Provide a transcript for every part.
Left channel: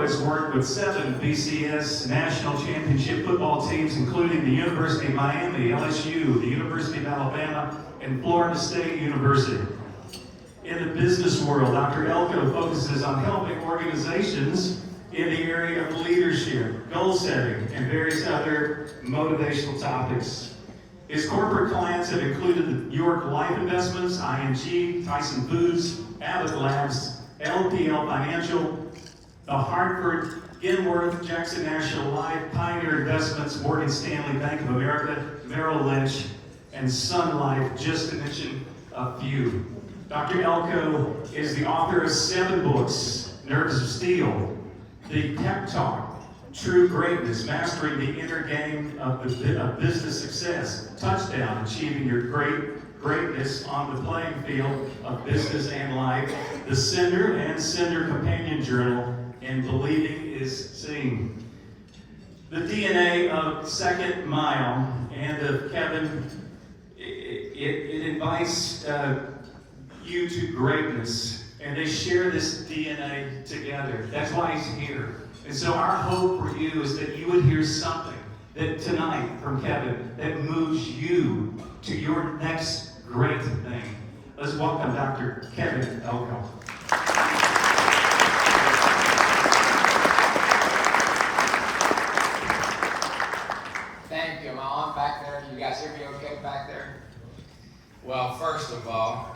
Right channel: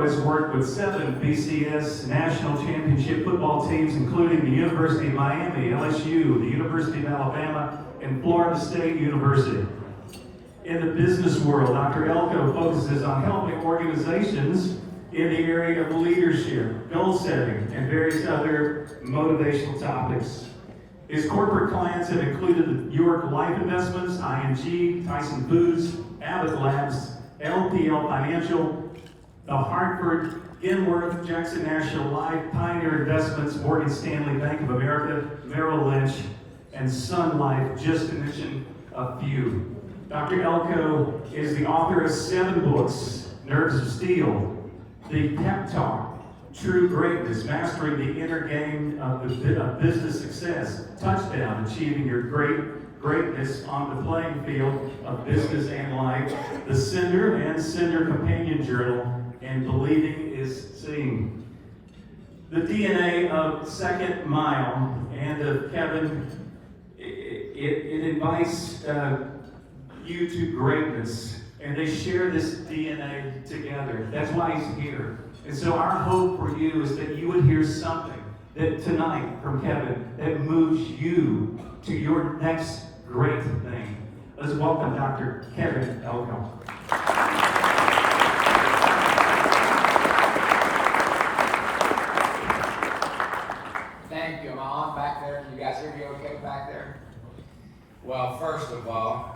Has worked with 7 BCS national championship football teams, including the University of Miami, LSU, the University of Alabama, and Florida State University. In the business world, Dr. Elko focuses on helping organizations in the area of leadership, goal setting, and various other motivational topics. His corporate clients have included the York Life Investments, ING, Tyson Foods, Abbott Labs, LPL Financial, the Hartford, Genworth, Jackson National Life, Pioneer Investments, Morgan Stanley, Bank of America, Merrill Lynch, and Sun Life, just to mention a few. Dr. Elko is the author of 7 books: Nerves of Steel, The Pep Talk, True Greatness, Mastering the Inner Game of Business Success, Touchdown, Achieving Your Greatness on the Playing Field of Business and Life, The Sender and Sender Companion Journal, and Believing is Seeing. The DNA of Second Mile and of Kevin, it invites you to greatness, and they share this DNA together. That's why he's here. And so our hope for you is that you would hear something that tonight from Kevin that moves you to your next great thing. Let's welcome Dr. Kevin Elko. Thank you. Am I on back there? You guys hear me okay back there? Well, first of all,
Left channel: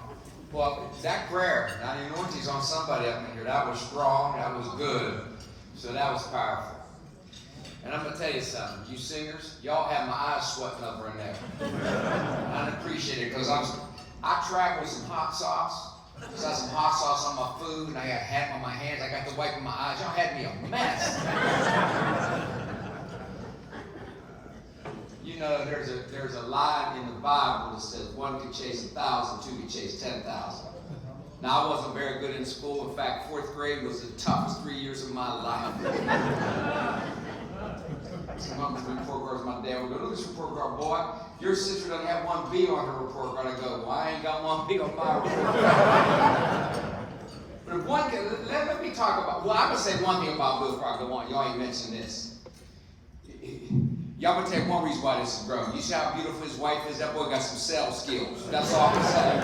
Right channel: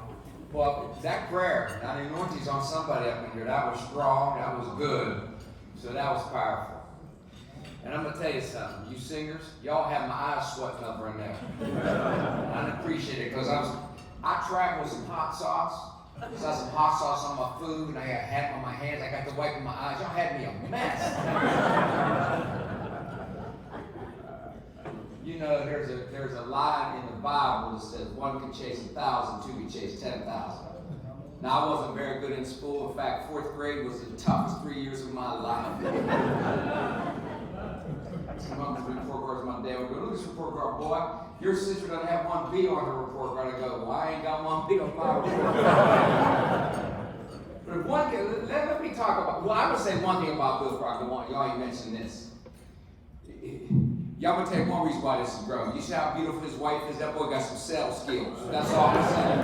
that prayer, now the anointing's on somebody up in here. That was strong. That was good. So that was powerful. And I'm going to tell you something. You singers, y'all have my eyes sweating over in there. I appreciate it because I traveled with some hot sauce. So I had some hot sauce on my food, and I got a hat on my hands. I got to wipe my eyes. Y'all had me a mess. You know, there's a line in the Bible that says 1 can chase 1,000, 2 can chase 10,000. Now, I wasn't very good in school. In fact, 4th grade was the toughest 3 years of my life. Some of them report cards, my dad would go, look at this report card, boy. Your sister doesn't have 1 B on her report card. I go, well, I ain't got 1 B on my report card. But if one can, let me talk about, well, I'm going to say one thing about Bill Proctor. Y'all ain't mentioned this. Y'all gonna tell you one reason why this is growing. You see how beautiful his wife is? That boy got some sales skills. That's all I'm saying.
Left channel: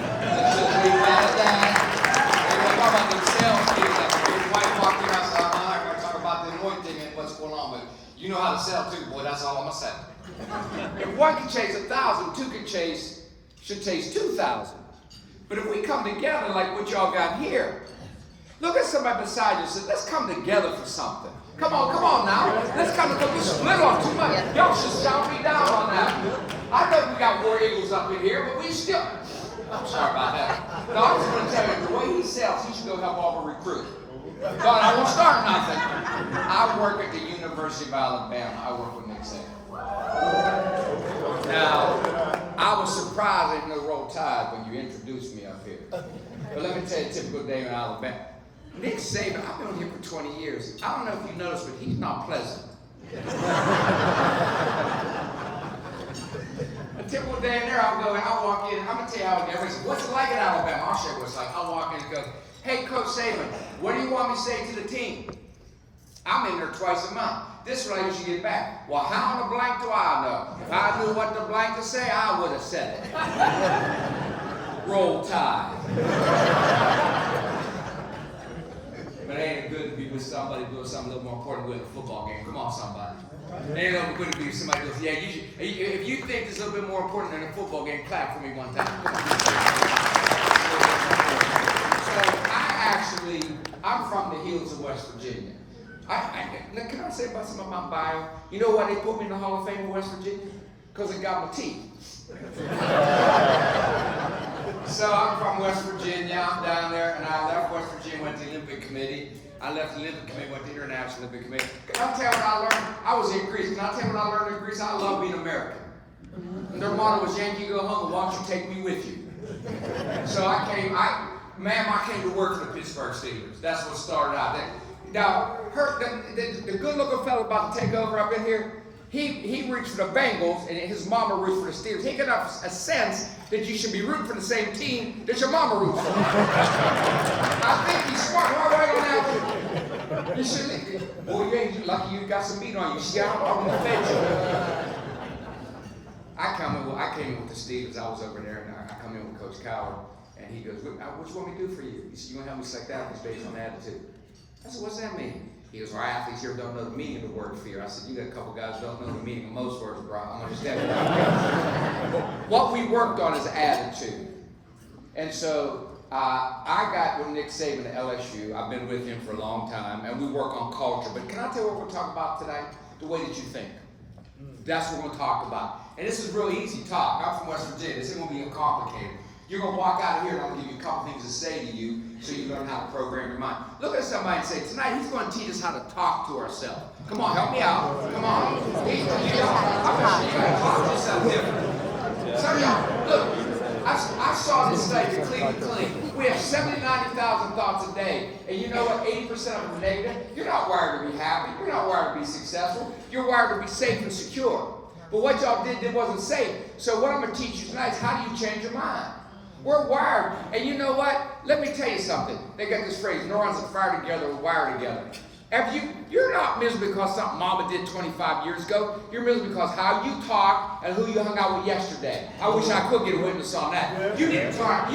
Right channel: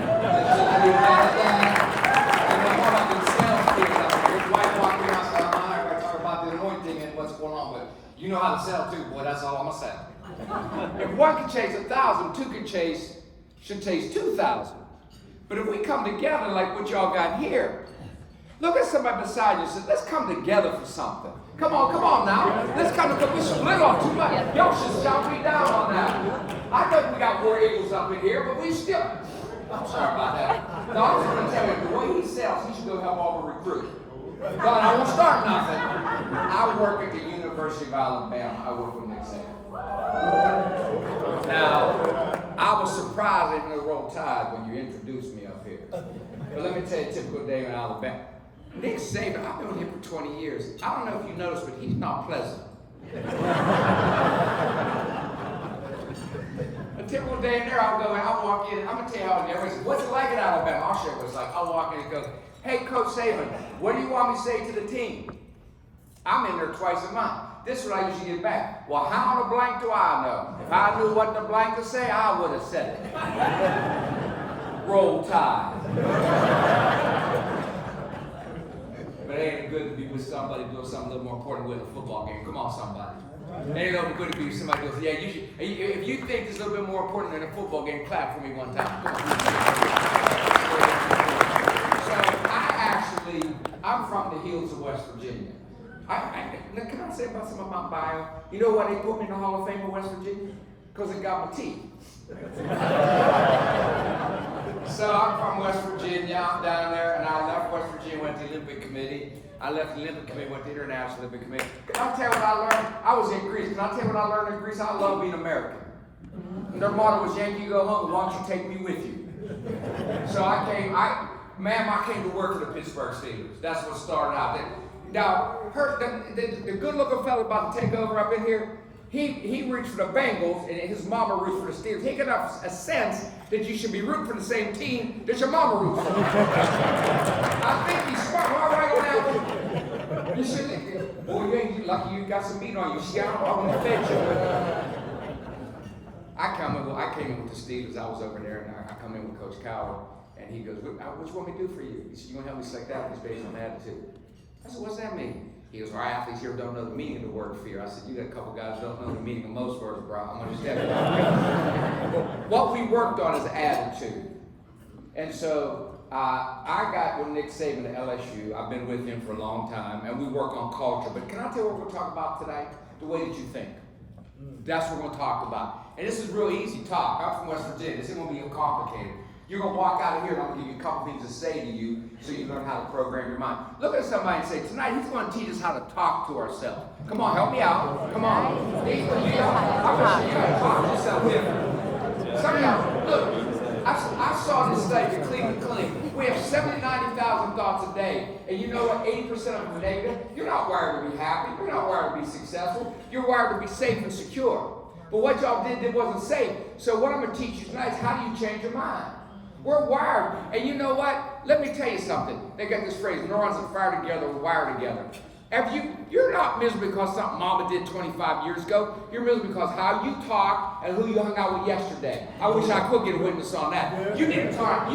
What about them sales skills out there? His wife walked in outside, I'm not gonna talk about the anointing and what's going on, but you know how to sell too, boy. That's all I'm gonna say. If 1 can chase 1,000, 2 should chase 2,000. But if we come together like what y'all got here, look at somebody beside you and say, let's come together for something. Come on now. Let's come together. We split off too much. Y'all should shout me down on that. I know we got War Eagles up in here, but we still... I'm sorry about that. No, I'm just going to tell you, the way he sells, he should go help all the recruits. But I won't start nothing. I work at the University of Alabama. I work with Nick Saban. Now, I was surprised I didn't know Roll Tide when you introduced me up here. But let me tell you a typical day in Alabama. Nick Saban, I've been with him for 20 years. I don't know if you noticed, but he's not pleasant. A typical day in there, I'll walk in, I'm going to tell you how everybody says, what's it like in Alabama? I'll share what it's like. I'll walk in and go, hey, Coach Saban, what do you want me to say to the team? I'm in there twice a month. This is what I usually get back. Well, how in the blank do I know? If I knew what the blank to say, I would have said it. Roll Tide. But it ain't good to be with somebody doing something a little more important with a football game. Come on, somebody. It ain't good to be with somebody who goes, yeah, you should, if you think this is a little bit more important than a football game, clap for me one time. Come on. So I'm from the hills of West Virginia. Can I say about some of my bio? You know why they put me in the Hall of Fame of West Virginia? Because it got my teeth. So I'm from West Virginia, I'm down there, and I left West Virginia, went to the Olympic Committee. I left the Olympic Committee, went to the International Olympic Committee. Can I tell you what I learned? I was in Greece. Can I tell you what I learned in Greece? I love being American. And their motto was, Yankee, go home, and why don't you take me with you? So I came to work for the Pittsburgh Steelers. That's what started out. Now, the good-looking fellow about to take over up in here, he roots for the Bengals, and his mama roots for the Steelers. He got a sense that you should be rooting for the same team that your mama roots for. I think he's smart. Am I right on that one? You should. Boy, you lucky you got some meat on you. See, I wouldn't have fed you. I came in with the Steelers. I was over there, and I come in with Coach Coward, and he goes, "What you want me to do for you?" He said, "You gonna help me select athletes based on attitude?" I said, "What's that mean?" He goes, "Our athletes here don't know the meaning of the word fear." I said, "You got a couple guys who don't know the meaning of most words, bro. I'm gonna step it out." But what we worked on is attitude, and so I got with Nick Saban at LSU. I've been with him for a long time, and we work on culture. But can I tell you what we're going to talk about today? The way that you think. That's what we're going to talk about. And this is real easy talk. I'm from West Virginia. This isn't going to be complicated. You're going to walk out of here, and I'm going to give you a couple things to say to you so you learn how to program your mind. Look at somebody and say, tonight he's going to teach us how to talk to ourselves. Come on, help me out. Come on. I'm sure you got to talk to yourself different. Some of y'all, look. I saw this study in Cleveland Clinic. We have 70,000 to 90,000 thoughts a day. And you know what? 80% of them are negative. You're not wired to be happy. You're not wired to be successful. You're wired to be safe and secure. But what y'all did wasn't safe. So what I'm going to teach you tonight is how do you change your mind? We're wired. And you know what? Let me tell you something. They got this phrase, neurons that fire together wire together. You're not miserable because something mama did 25 years ago. You're miserable because how you talk and who you hung out with yesterday. I wish I could get a witness on that. You need to start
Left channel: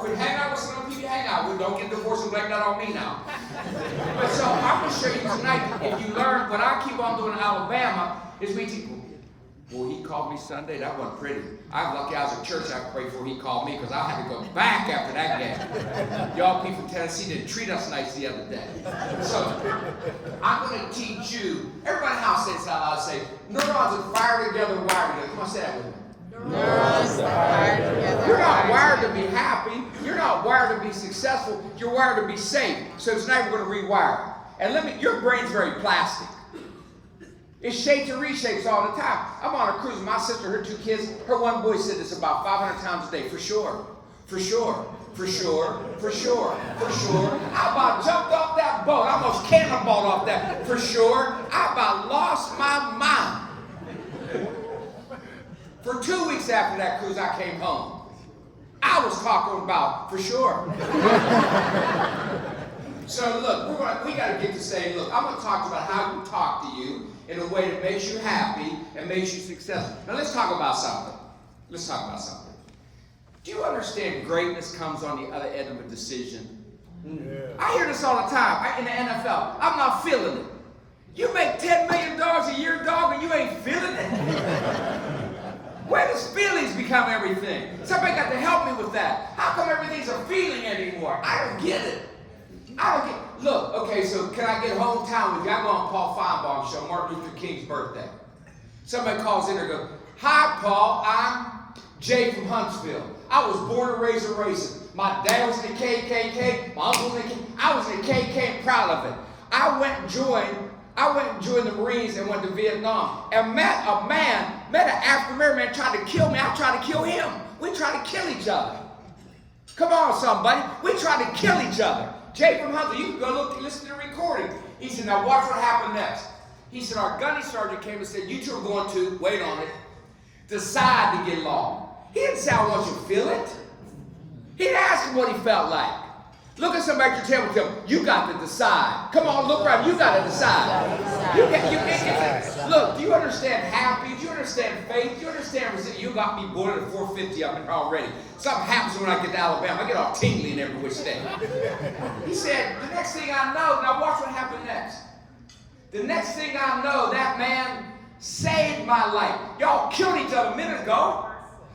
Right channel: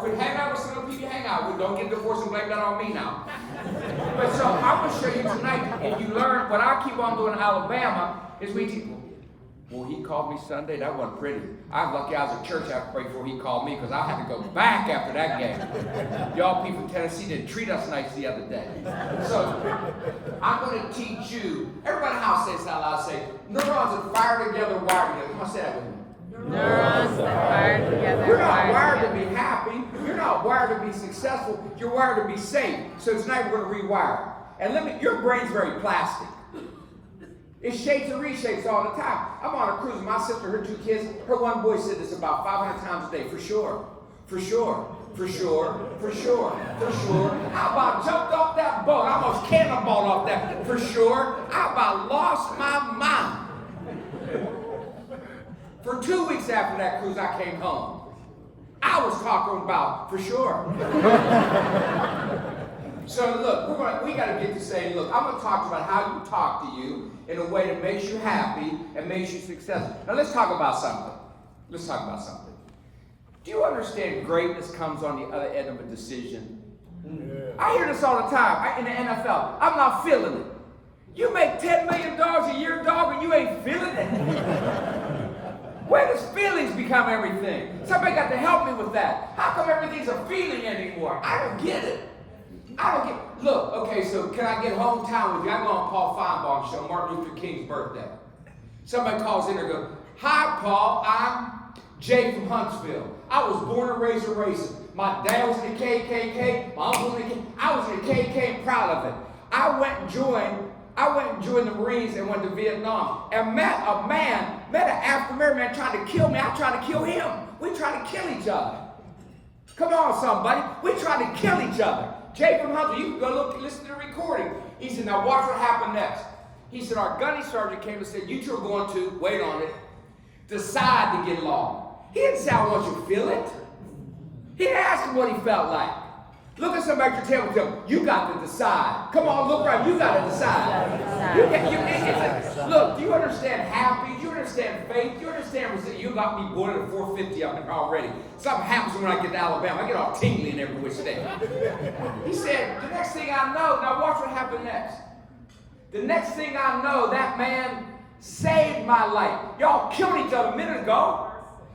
quit hanging out with some of the people you hang out with. Don't get divorced and blame that on me now. But so I'm going to show you tonight, if you learn, what I keep on doing in Alabama is we teach. Well, he called me Sunday. That wasn't pretty. I'm lucky I was at church. I prayed before he called me because I had to go back after that game. Y'all people from Tennessee didn't treat us nice the other day. So I'm going to teach you. Everybody in the house says out loud. Say, neurons that fire together, wire together. Come on, say that with me. Neurons fire together. You're not wired to be happy. You're not wired to be successful. You're wired to be safe. So tonight we're going to rewire. And your brain's very plastic. It shapes and reshapes all the time. I'm on a cruise with my sister, her two kids. Her one boy said this about 500 times a day. For sure. For sure. For sure. For sure. For sure. I about jumped off that boat. I almost cannonballed off that. For sure. I about lost my mind. For 2 weeks after that cruise, I came home. I was talking about for sure. So look, we got to get to say, look, I'm going to talk about how you talk to you in a way that makes you happy and makes you successful. Now let's talk about something. Let's talk about something. Do you understand greatness comes on the other end of a decision? Yeah. I hear this all the time in the NFL. I'm not feeling it. You make $10 million a year, dog, and you ain't feeling it? Where does feelings become everything? Somebody got to help me with that. How come everything's a feeling anymore? I don't get it. Look, okay, so can I get hometown with you? I go on Paul Feinbaum's show, Martin Luther King's birthday. Somebody calls in and goes, "Hi, Paul, I'm Jay from Huntsville. I was born and raised a racist. My dad was in the KKK, my uncle was in the KKK. I was in the KKK and proud of it. I went and joined the Marines and went to Vietnam and met an African-American man trying to kill me. I tried to kill him. We tried to kill each other. Come on, somebody. We tried to kill each other. Jay from Huntsville, you can go listen to the recording. He said, now watch what happened next. He said, our gunny sergeant came and said, you two are going to, wait on it, decide to get along. He didn't say, I want you to feel it. He didn't ask him what he felt like. Look at somebody at your table and tell them, you got to decide. Come on, look right, you got to decide. Look, do you understand happy? Do you understand faith? Do you understand resilience? You got me born at 450 up in already. Something happens when I get to Alabama. I get all tingly in every which day. He said, the next thing I know, now watch what happened next. The next thing I know, that man saved my life. Y'all killed each other a minute ago.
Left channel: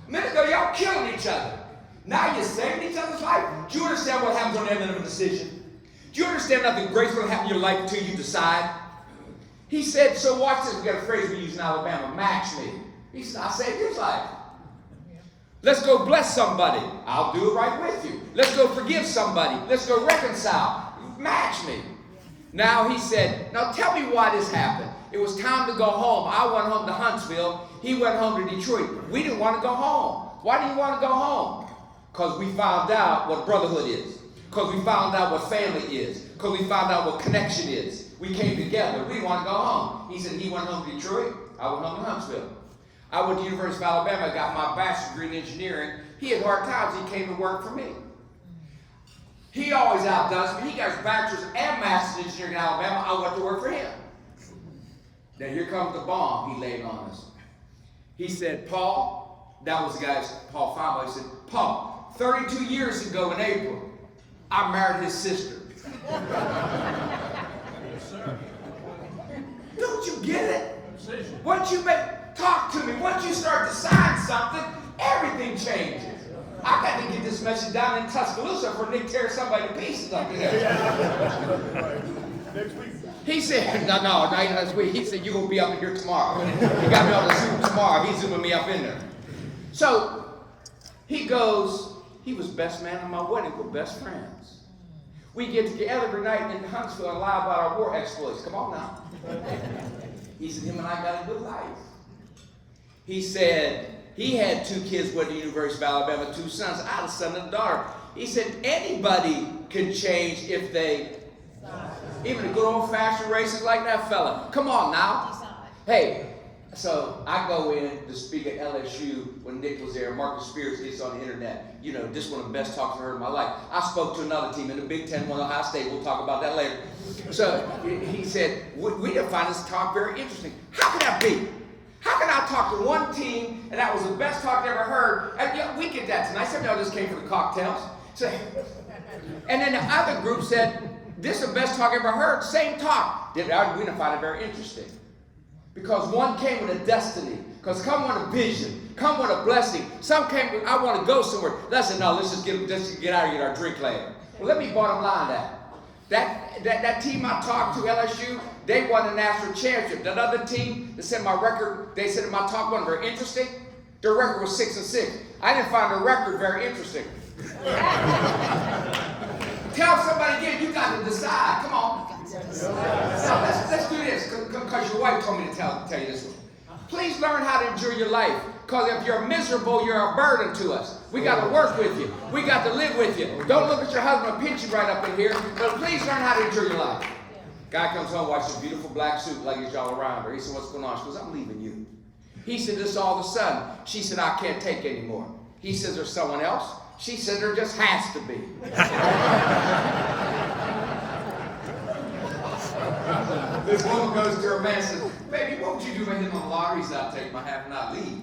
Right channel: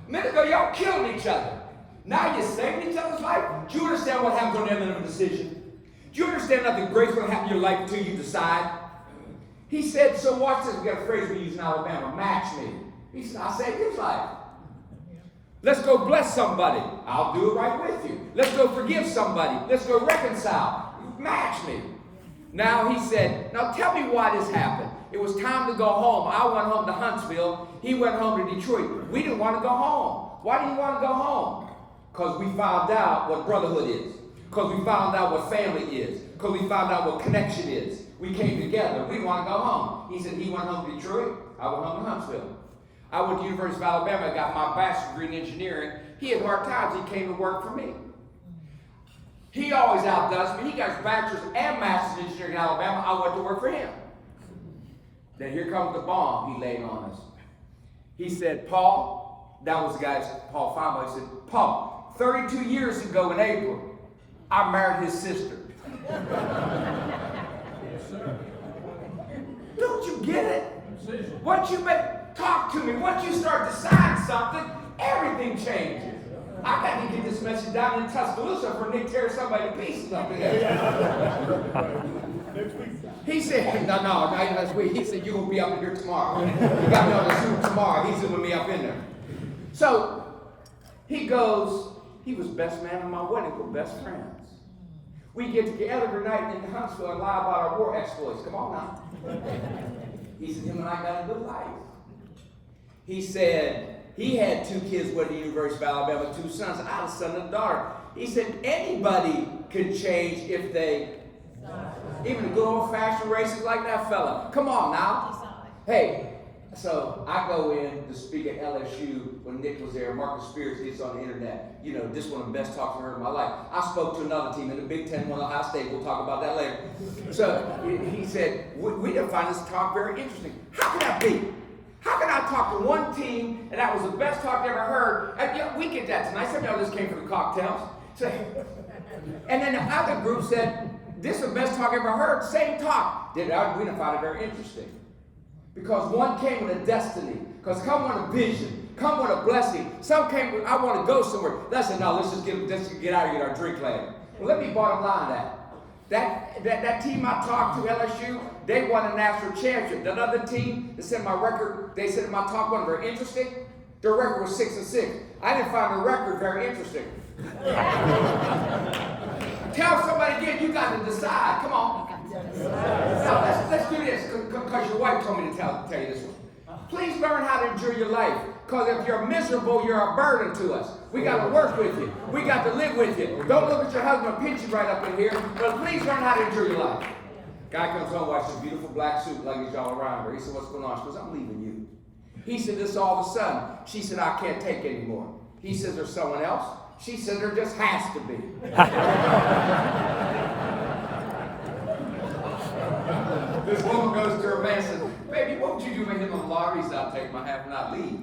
Y'all killed each other. Now you're saving each other's life? Do you understand what happens on the end of a decision? Do you understand nothing great's going to happen in your life until you decide? He said, so watch this. We got a phrase we use in Alabama, match me. He said, I saved his life. Let's go bless somebody. I'll do it right with you. Let's go forgive somebody. Let's go reconcile. Match me. Now he said, now tell me why this happened. It was time to go home. I went home to Huntsville. He went home to Detroit. We didn't want to go home. Why do you want to go home? Because we found out what brotherhood is. Because we found out what family is. Because we found out what connection is. We came together. We want to go home. He said he went home to Detroit. I went home to Huntsville. I went to the University of Alabama. I got my bachelor's degree in engineering. He had hard times. He came to work for me. He always outdoes me. He got his bachelor's and master's in engineering in Alabama. I went to work for him. Then here comes the bomb he laid on us. He said, Paul, that was the guy, Paul Feinberg. He said, Paul, 32 years ago in April, I married his sister. Don't you get it? Once you talk to me, once you start to sign something, everything changes. I got to get this message down in Tuscaloosa before Nick tears somebody to pieces up here. He said, no, not this week. He said, you're going to be up here tomorrow. He got me on the Zoom tomorrow. He's zooming me up in there. So he goes, he was best man at my wedding. We're best friends. We get together every night in Huntsville and lie about our war exploits. Come on now. He said, him and I got a good life. He said, he had 2 kids went to the University of Alabama, 2 sons. I had a son and a daughter. He said, anybody can change if they, even the good old-fashioned races like that fella. Come on now. Hey, so I go in to speak at LSU when Nick was there. Marcus Spears gets on the internet. You know, this one of the best talks I've heard in my life. I spoke to another team in the Big Ten, one Ohio State. We'll talk about that later. So he said, we didn't find this talk very interesting. How could that be? How can I talk to one team and that was the best talk I ever heard? And yeah, we get that tonight. Some of y'all just came for the cocktails. So, and then the other group said, this is the best talk I ever heard. Same talk. We didn't find it very interesting. Because one came with a destiny. Because come with a vision. Come with a blessing. Some came with, I want to go somewhere. Listen, no, let's just get out and get our drink later. Well, let me bottom line that team I talked to, LSU, they won a national championship. That other team, they said my record, they said my talk wasn't very interesting. Their record was 6-6. I didn't find the record very interesting. Tell somebody again, you got to decide. Come on. Now, let's do this, because your wife told me to tell you this one. Please learn how to enjoy your life, because if you're miserable, you're a burden to us. We got to work with you. We got to live with you. Don't look at your husband and pinch you right up in here, but please learn how to enjoy your life. Guy comes home, watches a beautiful black suit, luggage all around her. He said, what's going on? She goes, I'm leaving you. He said, this all of a sudden. She said, I can't take anymore. He says, there's someone else? She said, there just has to be. This woman goes to her man and says, baby, what would you do if I hit on the lottery? He said, I'll take my half and not leave.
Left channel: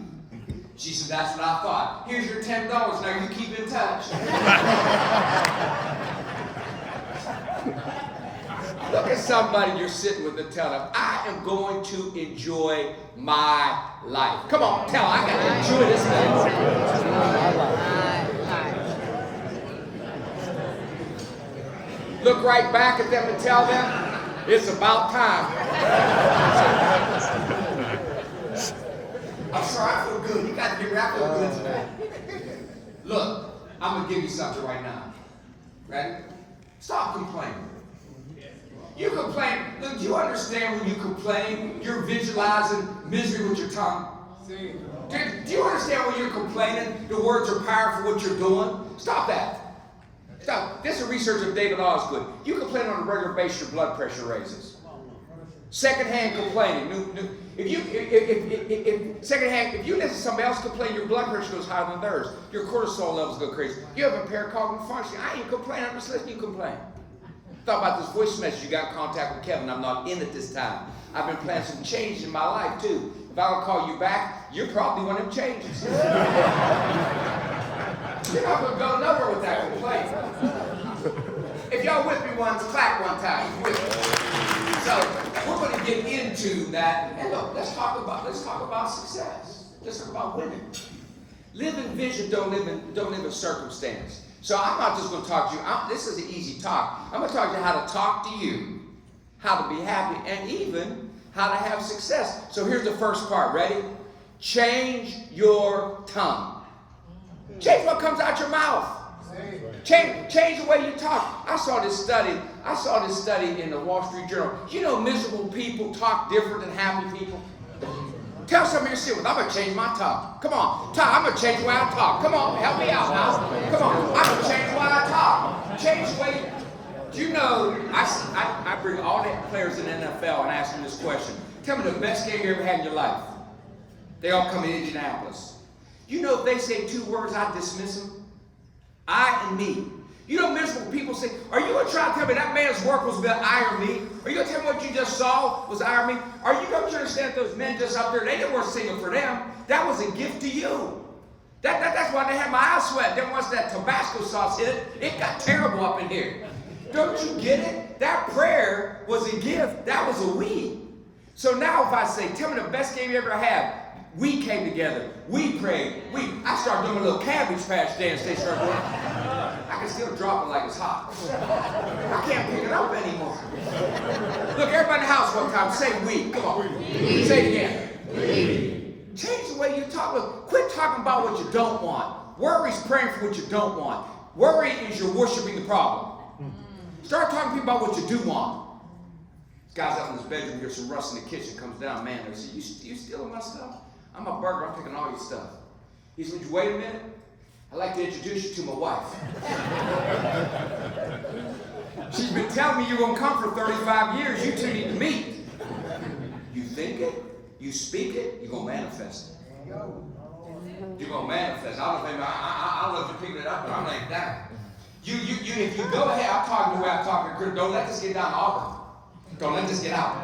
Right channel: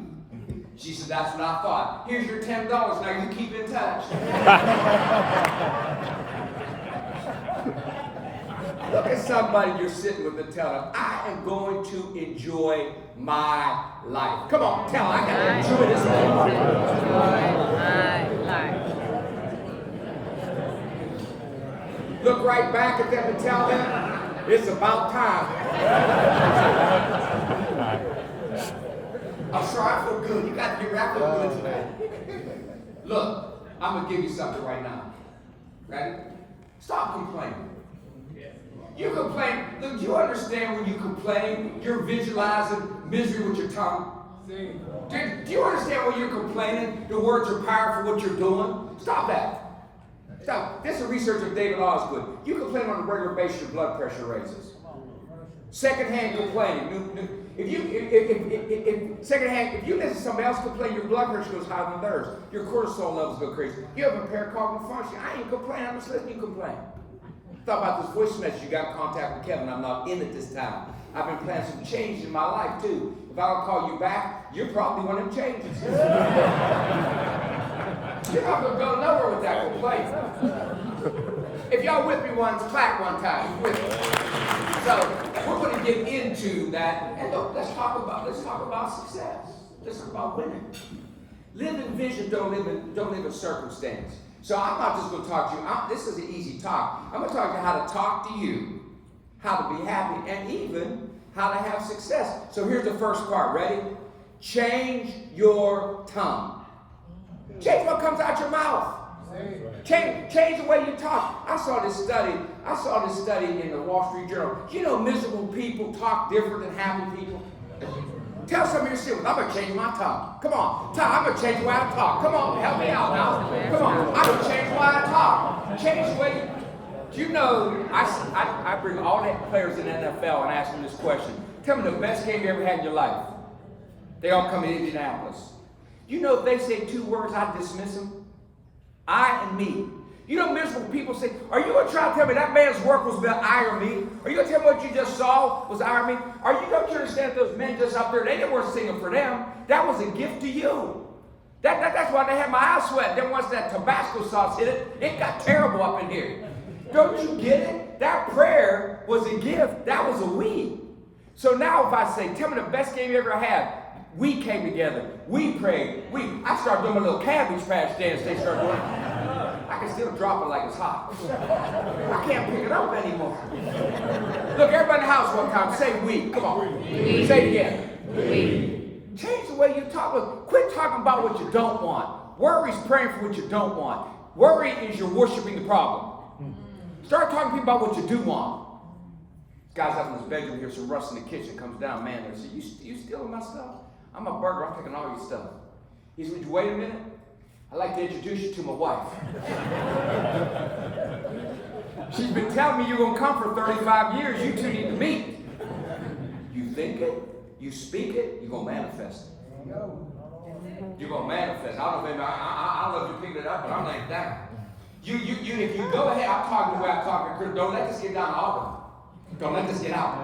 She said, that's what I thought. Here's your $10. Now you keep in touch. Look at somebody you're sitting with and tell them, I am going to enjoy my life. Come on, tell them, I got to enjoy this thing. Look right back at them and tell them, it's about time. I'm sorry, I feel good. You got to get wrapped up good tonight. Look, I'm going to give you something right now. Ready? Stop complaining. You complain. Look, do you understand when you complain, you're visualizing misery with your tongue? Do you understand when you're complaining, the words are powerful, what you're doing? Stop that. Stop. This is research of David Osgood. You complain on a regular basis, your blood pressure raises. Secondhand complaining. If you listen to somebody else complain, your blood pressure goes higher than theirs. Your cortisol levels go crazy. You have impaired cognitive function. I ain't complaining. I'm just listening to you complain. Thought about this voice message. You got in contact with Kevin. I'm not in it this time. I've been planning some changes in my life too. If I don't call you back, you're probably one of them changes. You're not going to go nowhere with that complaint. If y'all with me once, clap one time. With me. So we're going to get into that. And look, let's talk about success. Let's talk about winning. Live in vision. Don't live in circumstance. So I'm not just going to talk to you. This is an easy talk. I'm going to talk to you how to talk to you, how to be happy, and even how to have success. So here's the first part. Ready? Change your tongue. Change what comes out your mouth. Change the way you talk. I saw this study in the Wall Street Journal. You know, miserable people talk different than happy people. Tell somebody you're sitting with, I'm going to change my tongue. Come on. I'm going to change the way I talk. Come on, help me out now. Come on. I'm going to change the way I talk. Change the way you know, I bring all the players in the NFL and ask them this question. Tell me the best game you ever had in your life. They all come in Indianapolis. You know, if they say 2 words, I dismiss them. I and me. You know, miserable people say, are you going to try to tell me that man's work was about iron me? Are you going to tell me what you just saw was iron me? Don't you understand that those men just up there, they weren't singing for them. That was a gift to you. That's why they had my eyes sweat. Then once that Tabasco sauce hit it, it got terrible up in here. Don't you get it? That prayer was a gift. That was a we. So now if I say, tell me the best game you ever had, we came together. We prayed. I started doing my little cabbage patch dance. They started doing it. I can still drop it like it's hot. I can't pick it up anymore. Look, everybody in the house one time, say we. Come on. We. Say it again. We. Change the way you talk. Look, quit talking about what you don't want. Worry is praying for what you don't want. Worry is you're worshiping the problem. Start talking to people about what you do want. This guy's up in his bedroom here, some rust in the kitchen, comes down, man, there says, you stealing my stuff? I'm a burglar, I'm taking all your stuff. He said, would you wait a minute? I'd like to introduce you to my wife. She's been telling me you're going to come for 35 years. You two need to meet. You think it, you speak it, you're going to manifest it. You're going to manifest. I don't know if you're picking it up, but I'm laying down. If you go ahead, I'm talking the way I'm talking to Chris. Don't let this get down to Auburn. Don't let this get out.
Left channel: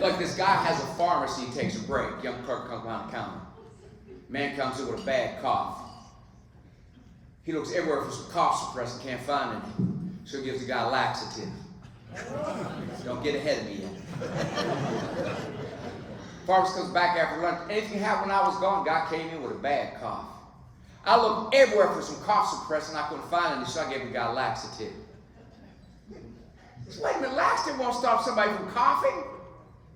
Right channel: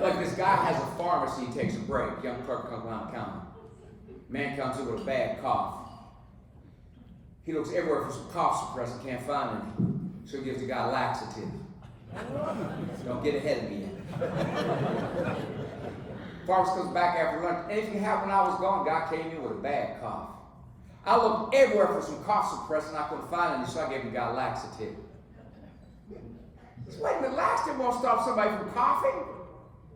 Like this guy has a pharmacy, he takes a break. Young clerk comes around the counter. Man comes in with a bad cough. He looks everywhere for some cough suppressant, can't find any. So he gives the guy a laxative. Don't get ahead of me yet. Pharmacist comes back after lunch. Anything happened when I was gone? Guy came in with a bad cough. I looked everywhere for some cough suppressant. I couldn't find any, so I gave the guy a laxative. Wait a minute, laxative won't stop somebody from coughing?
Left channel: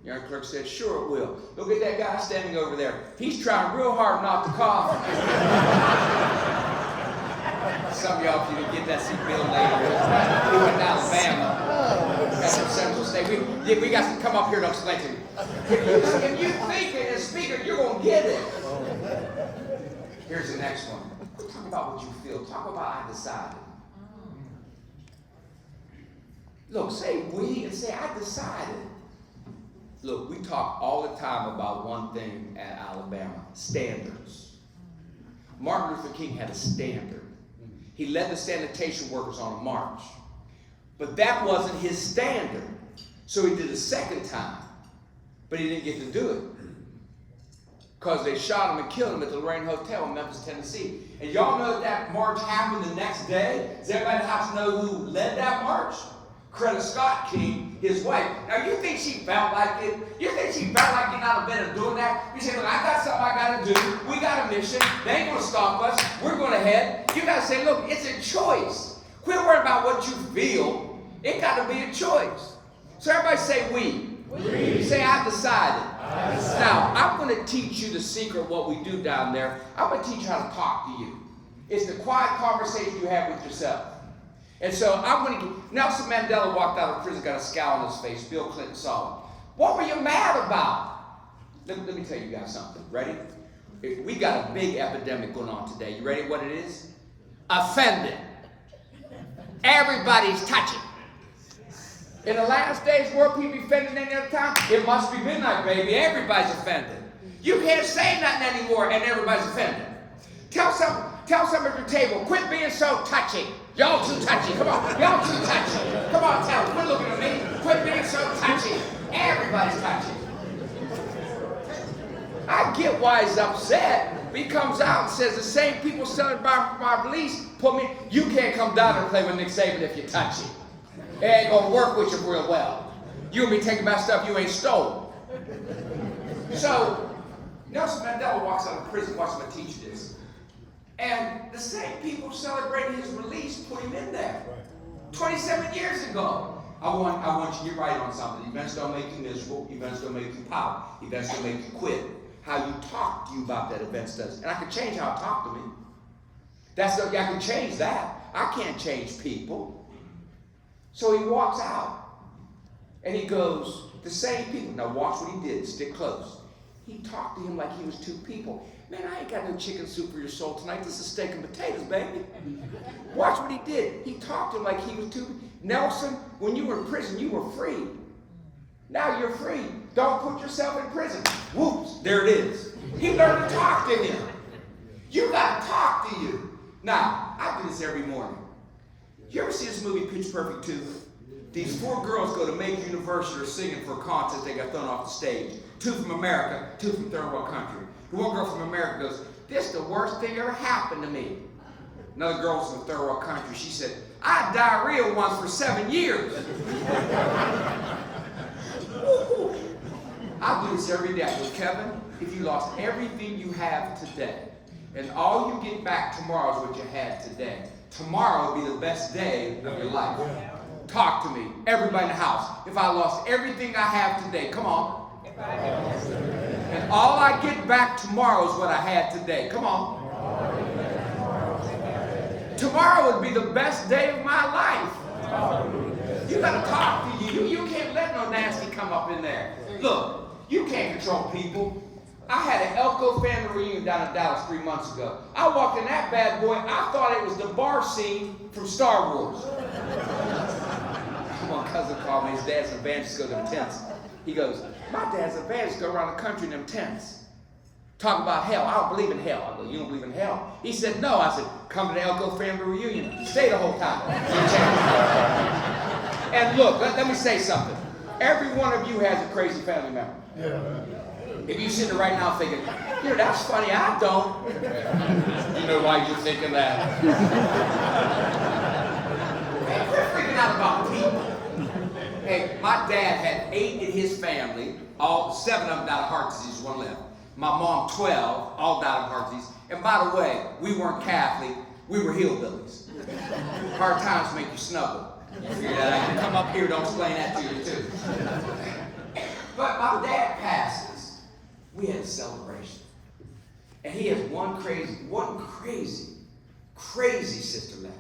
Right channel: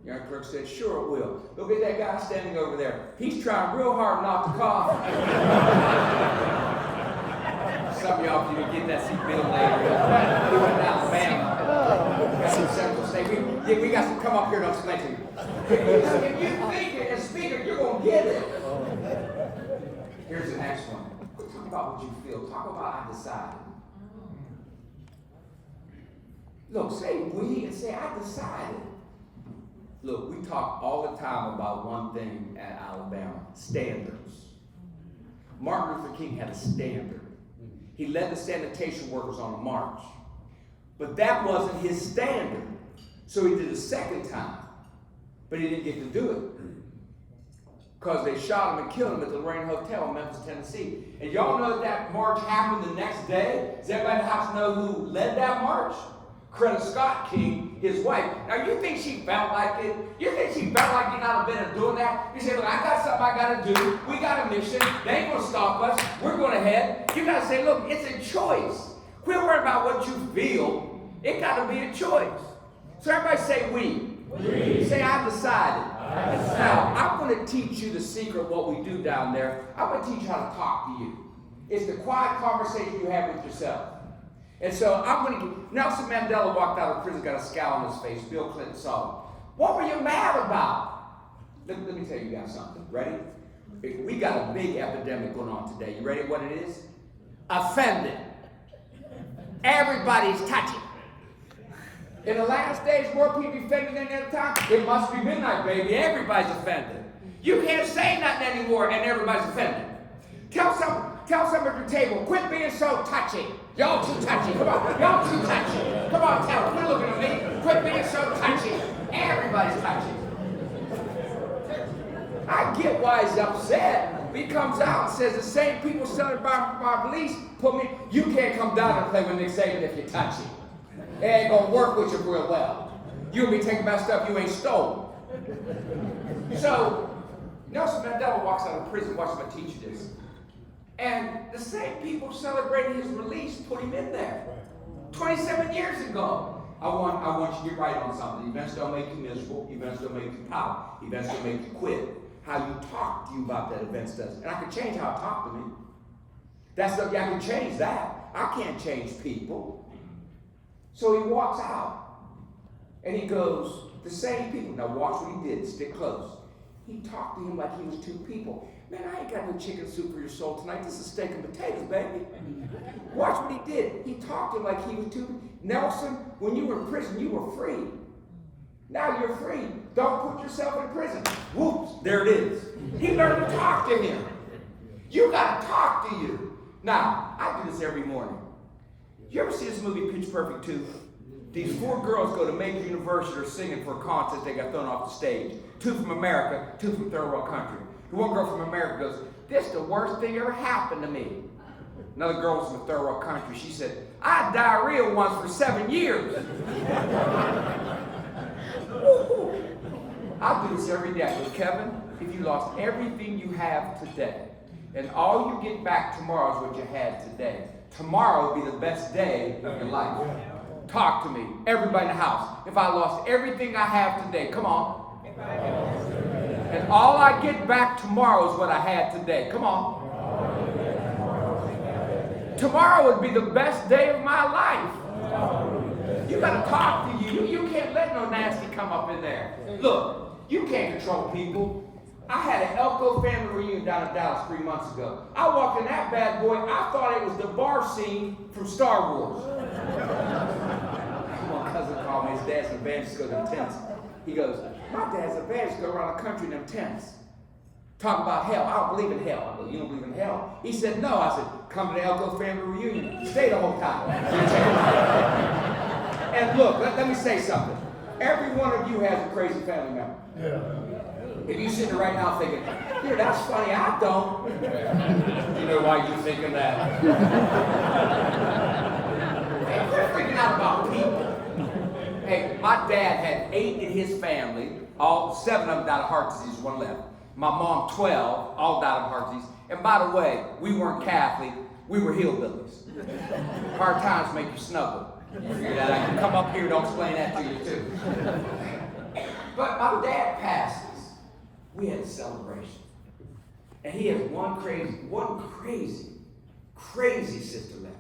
Young clerk said, sure it will. Look at that guy standing over there. He's trying real hard not to cough. Some of y'all, if you didn't get that, see Bill later. He went to Alabama. Got some Central State. We got to come up here and explain to you. If you think it and speak it, you're going to get it. Here's the next one. Quit talking about what you feel. Talk about I decided. Look, say we and say I decided. Look, we talk all the time about one thing at Alabama, standards. Martin Luther King had a standard. He led the sanitation workers on a march. But that wasn't his standard. So he did a second time. But he didn't get to do it. Because they shot him and killed him at the Lorraine Hotel in Memphis, Tennessee. And y'all know that march happened the next day? Does everybody have to know who led that march? Coretta Scott King, his wife. Now, you think she felt like it? You think she felt like it not have been doing that? You say, look, I got something I got to do. We got a mission. They ain't going to stop us. We're going to head. You got to say, look, it's a choice. Quit worrying about what you feel. It got to be a choice. So everybody say we. Say I decided. Now, I'm going to teach you the secret of what we do down there. I'm going to teach you how to talk to you. It's the quiet conversation you have with yourself. And so I'm going to get, Nelson Mandela walked out of prison, got a scowl on his face. Bill Clinton saw him. What were you mad about? Let me tell you guys something. Ready? We got a big epidemic going on today. You ready what it is? Offended. Everybody's touching. In the last days, more people offended than any other time. It must be midnight, baby. Everybody's offended. You can't say nothing anymore, and everybody's offended. Tell some at your table, quit being so touchy. Y'all too touchy. Come on. Y'all too touchy. Come on, tell them. Quit looking at me. Quit being so touchy. Everybody's touchy. I get why he's upset. He comes out and says the same people selling my release put me. You can't come down and play with Nick Saban if you're touchy. It ain't gonna work with you real well. You'll be taking about stuff you ain't stole. So Nelson Mandela walks out of prison. Watch me teach you this. And the same people celebrating his release put him in there. 27 years ago. I want you to get right on something. Events don't make you miserable. Events don't make you pout. Events don't make you quit. How you talk to you about that event does. And I can change how I talk to me. I can change that. I can't change people. So he walks out. And he goes, the same people. Now watch what he did. Stick close. He talked to him like he was two people. Man, I ain't got no chicken soup for your soul tonight. This is steak and potatoes, baby. Watch what he did. He talked to him like he was two. Nelson, when you were in prison, you were free. Now you're free. Don't put yourself in prison. Whoops, there it is. He learned to talk to him. You got to talk to you. Now, I do this every morning. You ever see this movie, Pitch Perfect 2? These 4 girls go to Major University, are singing for a contest. They got thrown off the stage. 2 from America, 2 from third world country. The one girl from America goes, "This is the worst thing ever happened to me." Another girl from a third world country, she said, "I had diarrhea once for 7 years." I do this every day. I go, "Kevin, if you lost everything you have today, and all you get back tomorrow is what you had today, tomorrow will be the best day of your life. Talk to me, everybody in the house. If I lost everything I have today, come on. And all I get back tomorrow is what I had today. Come on. Tomorrow would be the best day of my life." You got to talk to you. You can't let no nasty come up in there. Look, you can't control people. I had an Elko family reunion down in Dallas 3 months ago. I walked in that bad boy. I thought it was the bar scene from Star Wars. One cousin called me. His dad's an evangelist, go to them tents. He goes, "My dad's an evangelist, go around the country in them tents. Talk about hell. I don't believe in hell." I go, "You don't believe in hell?" He said, "No." I said, "Come to the Elko family reunion. Stay the whole time." And look, let me say something. Every one of you has a crazy family member. If you're sitting there right now thinking, "That's funny, I don't." You know why you're thinking that. Hey, quit freaking out about people. Hey, my dad had 8 in his family. 7 of them died of heart disease, 1 left. My mom, 12, all died of heart disease. And by the way, we weren't Catholic, we were hillbillies. Hard times make you snuggle. You figure that out. You come up here, don't explain that to you too. But my dad passes. We had a celebration. And he has one crazy sister left.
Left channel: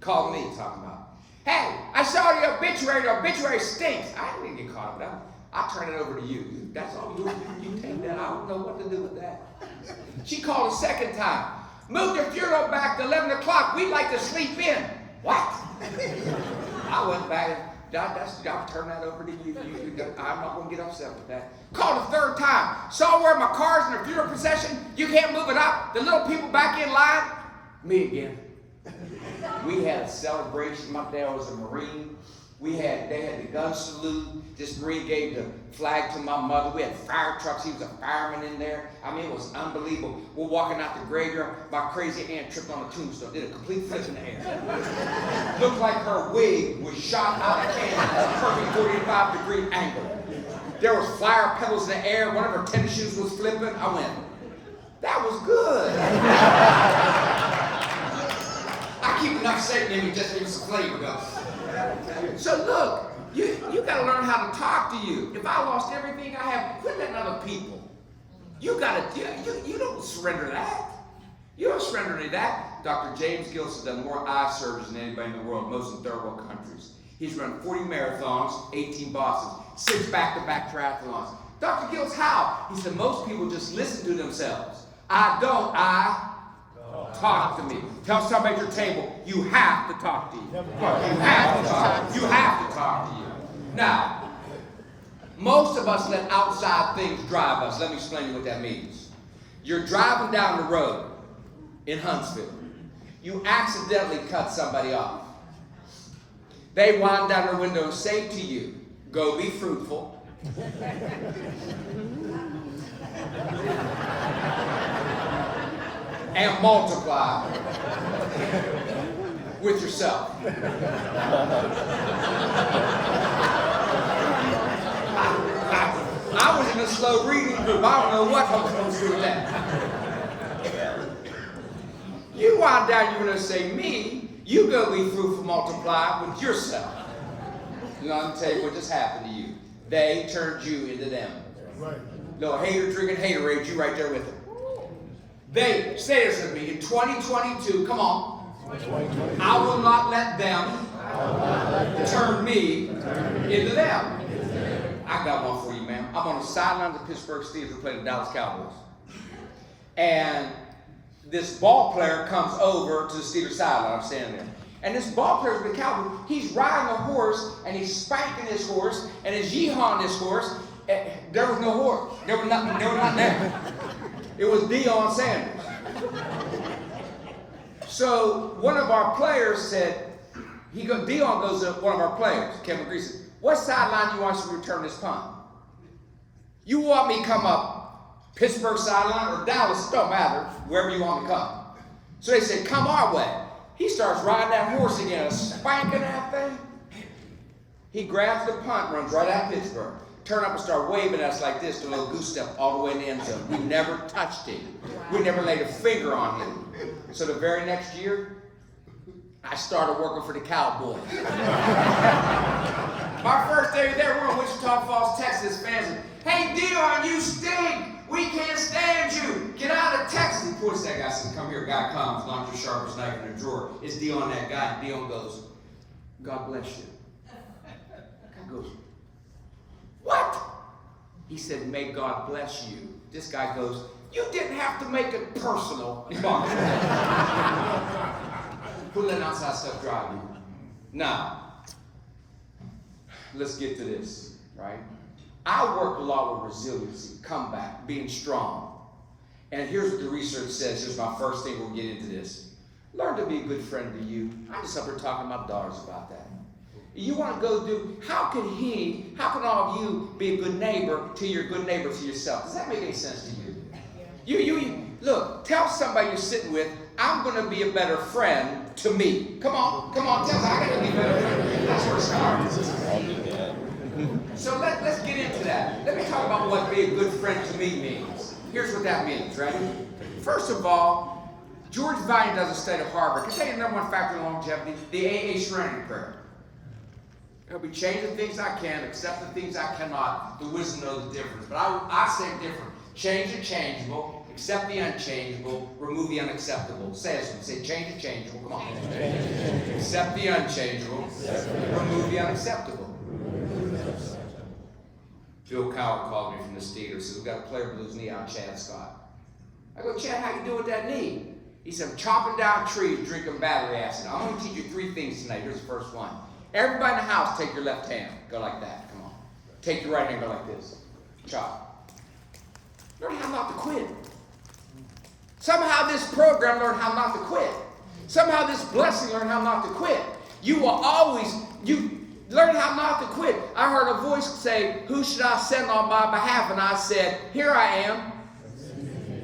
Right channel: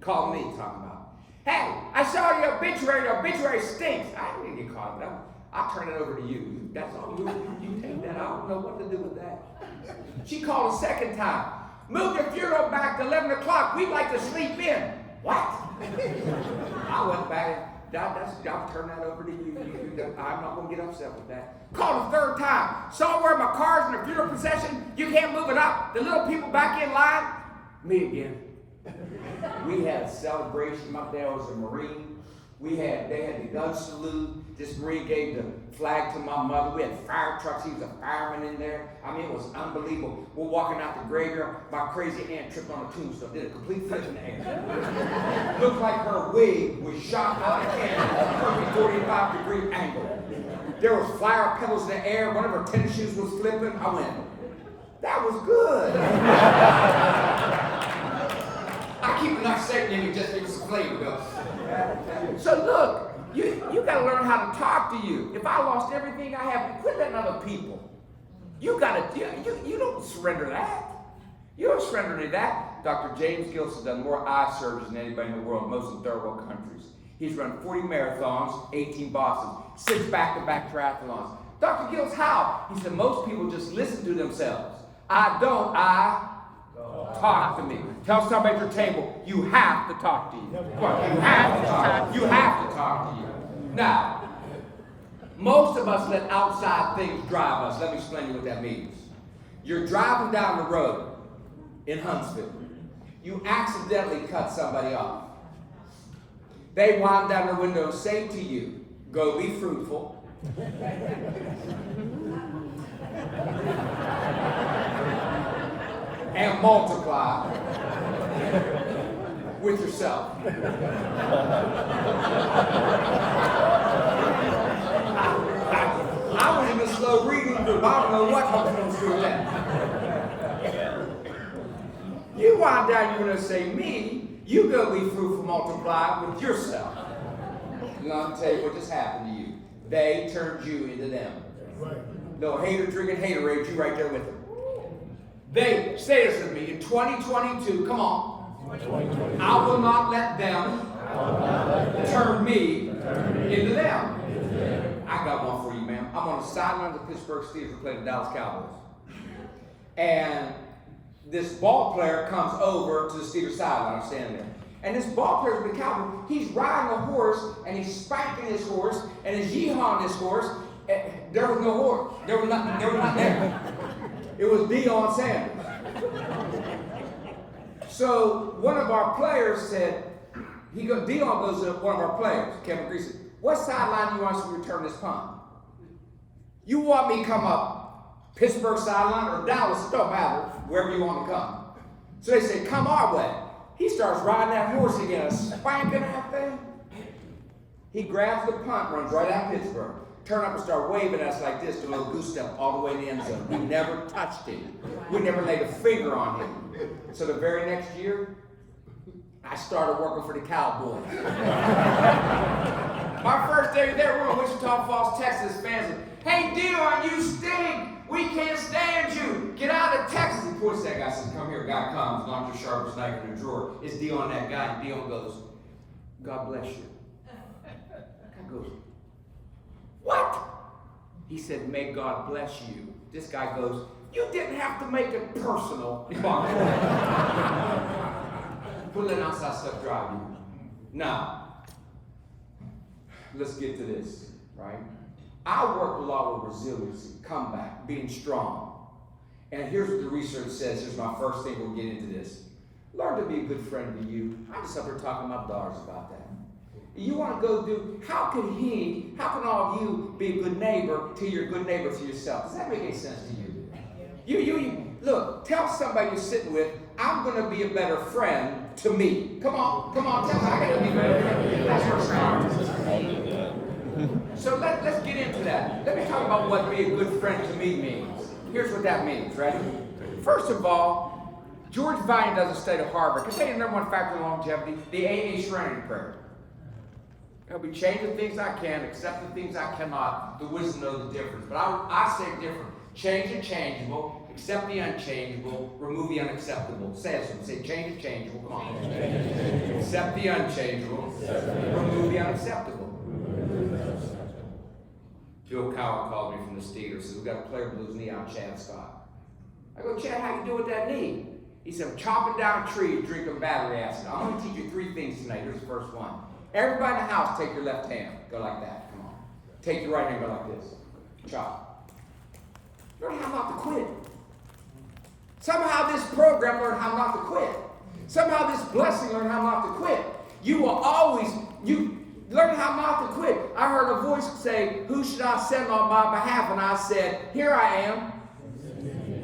Called me talking about, "Hey, I saw your obituary. Your obituary stinks." I didn't get caught up, but I'll turn it over to you. That's all you take that. I don't know what to do with that. She called a second time. "Move the funeral back to 11 o'clock. We'd like to sleep in." What? I went back. I'll turn that over to you. I'm not going to get upset with that. Called a third time. "Saw where my car's in the funeral procession. You can't move it up. The little people back in line." Me again. We had a celebration. My dad was a Marine. They had the gun salute. This Marine gave the flag to my mother. We had fire trucks. He was a fireman in there. I mean, it was unbelievable. We're walking out the graveyard. My crazy aunt tripped on a tombstone. Did a complete flip in the air. Looked like her wig was shot out of cannon at a perfect 45-degree angle. There was flower petals in the air. One of her tennis shoes was flipping. I went, "That was good." I keep enough Satan in me just to give some flavor, though. So look, you got to learn how to talk to you. If I lost everything I have, quit letting other people. You don't surrender that. You don't surrender to that. Dr. James Gillis has done more eye surgeries than anybody in the world, most in third world countries. He's run 40 marathons, 18 Bostons, 6 back-to-back triathlons. Dr. Gillis, how? He said, most people just listen to themselves. I talk to me. Tell somebody at your table, you have to talk to you. You have to talk. You have to talk to you. Now, most of us let outside things drive us. Let me explain to you what that means. You're driving down the road in Huntsville. You accidentally cut somebody off. They wind down their window and say to you, go be fruitful. And multiply with yourself. I was in a slow reading group. I don't know what I'm supposed to do with that. You wind down, you're going to say, me, you go be fruitful, multiply with yourself. You know, I'm tell you what just happened to you. They turned you into them. No hater drinking haterade, you right there with them. They, say this with me, in 2022, come on, I will not let them turn me into them. I got one for you, ma'am. I'm on the sideline of the Pittsburgh Steelers playing the Dallas Cowboys. And this ball player comes over to the Steelers sideline. I'm standing there. And this ball player with the Cowboys, he's riding a horse, and he's spanking his horse, and he's yeehawing his horse. There was no horse. There was nothing there. It was Deion Sanders. So one of our players said, Dion goes to one of our players, Kevin Grease, says, what sideline you want us to return this punt? You want me to come up Pittsburgh sideline or Dallas? It don't matter, wherever you want me to come. So they say, come our way. He starts riding that horse again, spanking that thing. He grabs the punt, runs right out Pittsburgh. Turn up and start waving at us like this, to a little goose step all the way in the end zone. We never touched him. We never laid a finger on him. So the very next year, I started working for the Cowboys. My first day there, we're in Wichita Falls, Texas. Fans said, hey, Dion, you stink. We can't stand you. Get out of Texas. He points to that guy and says, come here. Guy comes, not your sharpest knife in the drawer. It's Dion, that guy. Dion goes, God bless you. Guy goes, what? He said, may God bless you. This guy goes, you didn't have to make it personal. Put that outside stuff drive you. Now, let's get to this, right? I worked a lot with resiliency, comeback, being strong. And here's what the research says. Here's my first thing. We'll get into this. Learn to be a good friend to you. I'm just up here talking to my daughters about that. You want to go do, how can all of you be a good neighbor till you're a good neighbor to yourself? Does that make any sense to you? You look, tell somebody you're sitting with, I'm going to be a better friend to me. Come on, tell them I got to be a better friend. That's where it starts. So let's get into that. Let me talk about what be a good friend to me means. Here's what that means, ready? First of all, George Vine does a study at Harvard. Can I tell you the number one factor in longevity? The AA Serenity Prayer. Help me change the things I can, accept the things I cannot. The wisdom knows the difference. But I say different. Change the changeable, accept the unchangeable, remove the unacceptable. Say it. Say change the changeable. Come on. Accept the unchangeable, remove the unacceptable. Bill Coward called me from the Steelers. Says, we've got a player with his knee on Chad Scott. I go, Chad, how you doing with that knee? He said, I'm chopping down trees, drinking battery acid. I'm going to teach you 3 things tonight. Here's the first one. Everybody in the house, take your left hand. Go like that. Come on. Take your right hand. Go like this. Chop. Learn how not to quit. Somehow this program learned how not to quit. Somehow this blessing learned how not to quit. You will always, learn how not to quit. I heard a voice say, who should I send on my behalf? And I said, here I am.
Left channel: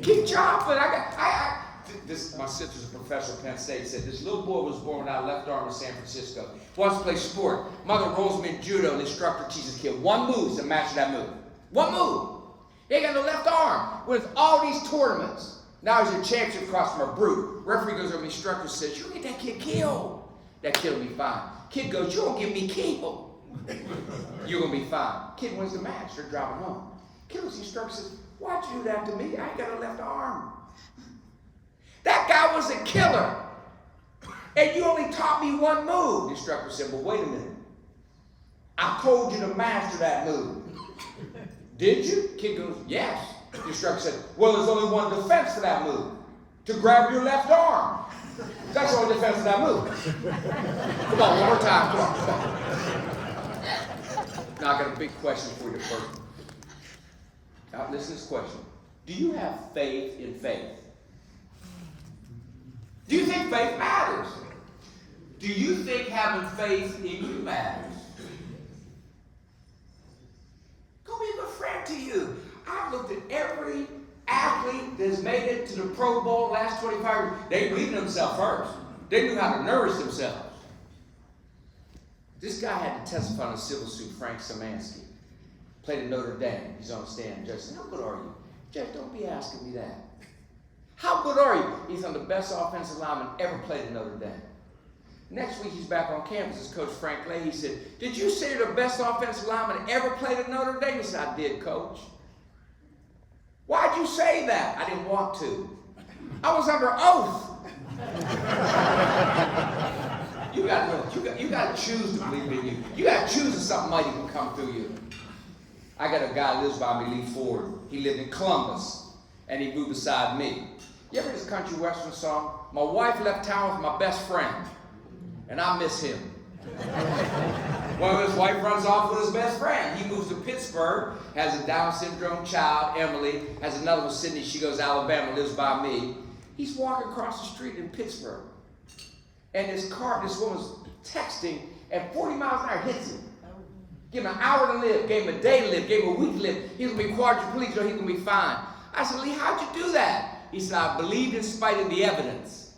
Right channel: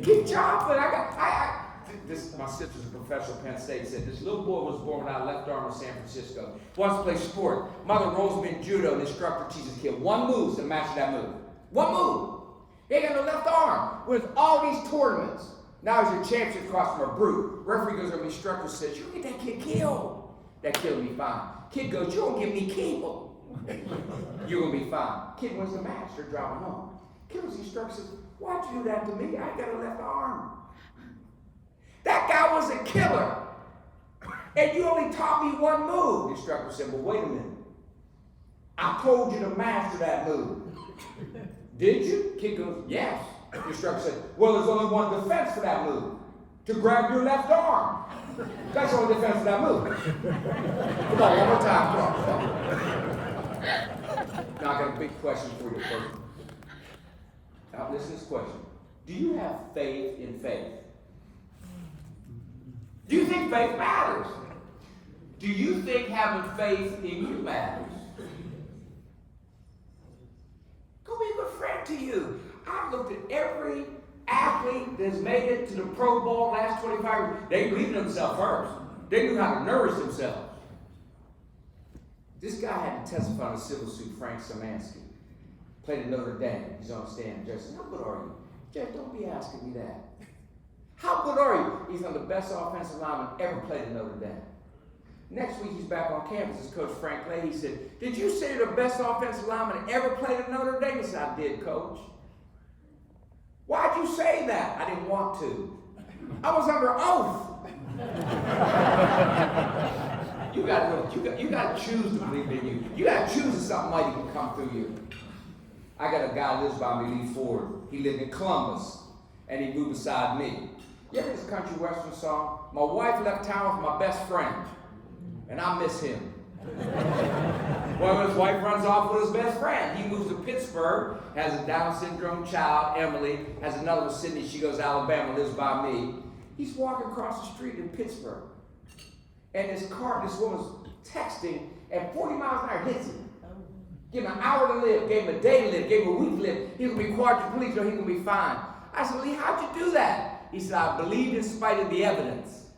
Keep chopping. My sister's a professor at Penn State. Said this little boy was born without a left arm in San Francisco. Wants to play sport. Mother rolls him in judo. The instructor teaches the kid 1 move to match that move. 1 move. He ain't got no left arm. With all these tournaments. Now he's a champion across from a brute. Referee goes over to the instructor says, you'll get that kid killed. That kid will be fine. Kid goes, you won't get me killed. You're going to be fine. Kid wins the match. They're driving home. Kid was the instructor says, why'd you do that to me? I ain't got a left arm. That guy was a killer. And you only taught me 1 move. The instructor said, well, wait a minute. I told you to master that move. Did you? Kid goes, yes. The instructor said, well, there's only 1 defense for that move. To grab your left arm. That's the only defense for that move. Come on, 1 more time. Come on. Now I got a big question for you first. Now listen to this question. Do you have faith in faith? Do you think faith matters? Do you think having faith in you matters? Go be a good friend to you. I've looked at every athlete that's made it to the Pro Bowl last 25 years. They believed in themselves first. They knew how to nourish themselves. This guy had to testify on a civil suit, Frank Szymanski. Played at Notre Dame. He's on the stand. Judge said, how good are you? Judge, don't be asking me that. How good are you? He's on the best offensive lineman ever played at Notre Dame. Next week, he's back on campus. His coach, Frank Leahy, said, did you say you're the best offensive lineman ever played at Notre Dame? He said, I did, Coach. Why'd you say that? I didn't want to. I was under oath. You got to choose to believe in you. You got to choose that something mighty can come through you. I got a guy who lives by me, Lee Ford. He lived in Columbus, and he moved beside me. You ever heard this country western song? My wife left town with my best friend, and I miss him. Well, his wife runs off with his best friend. He moves to Pittsburgh, has a Down syndrome child, Emily, has another one, Sydney. She goes to Alabama, lives by me. He's walking across the street in Pittsburgh. And this woman's texting, and 40 miles an hour hits him. Give him an hour to live, gave him a day to live, gave him a week to live. He's going to be quadriplegic, or he's going to be fine. I said, Lee, how'd you do that? He said, I believed in spite of the evidence.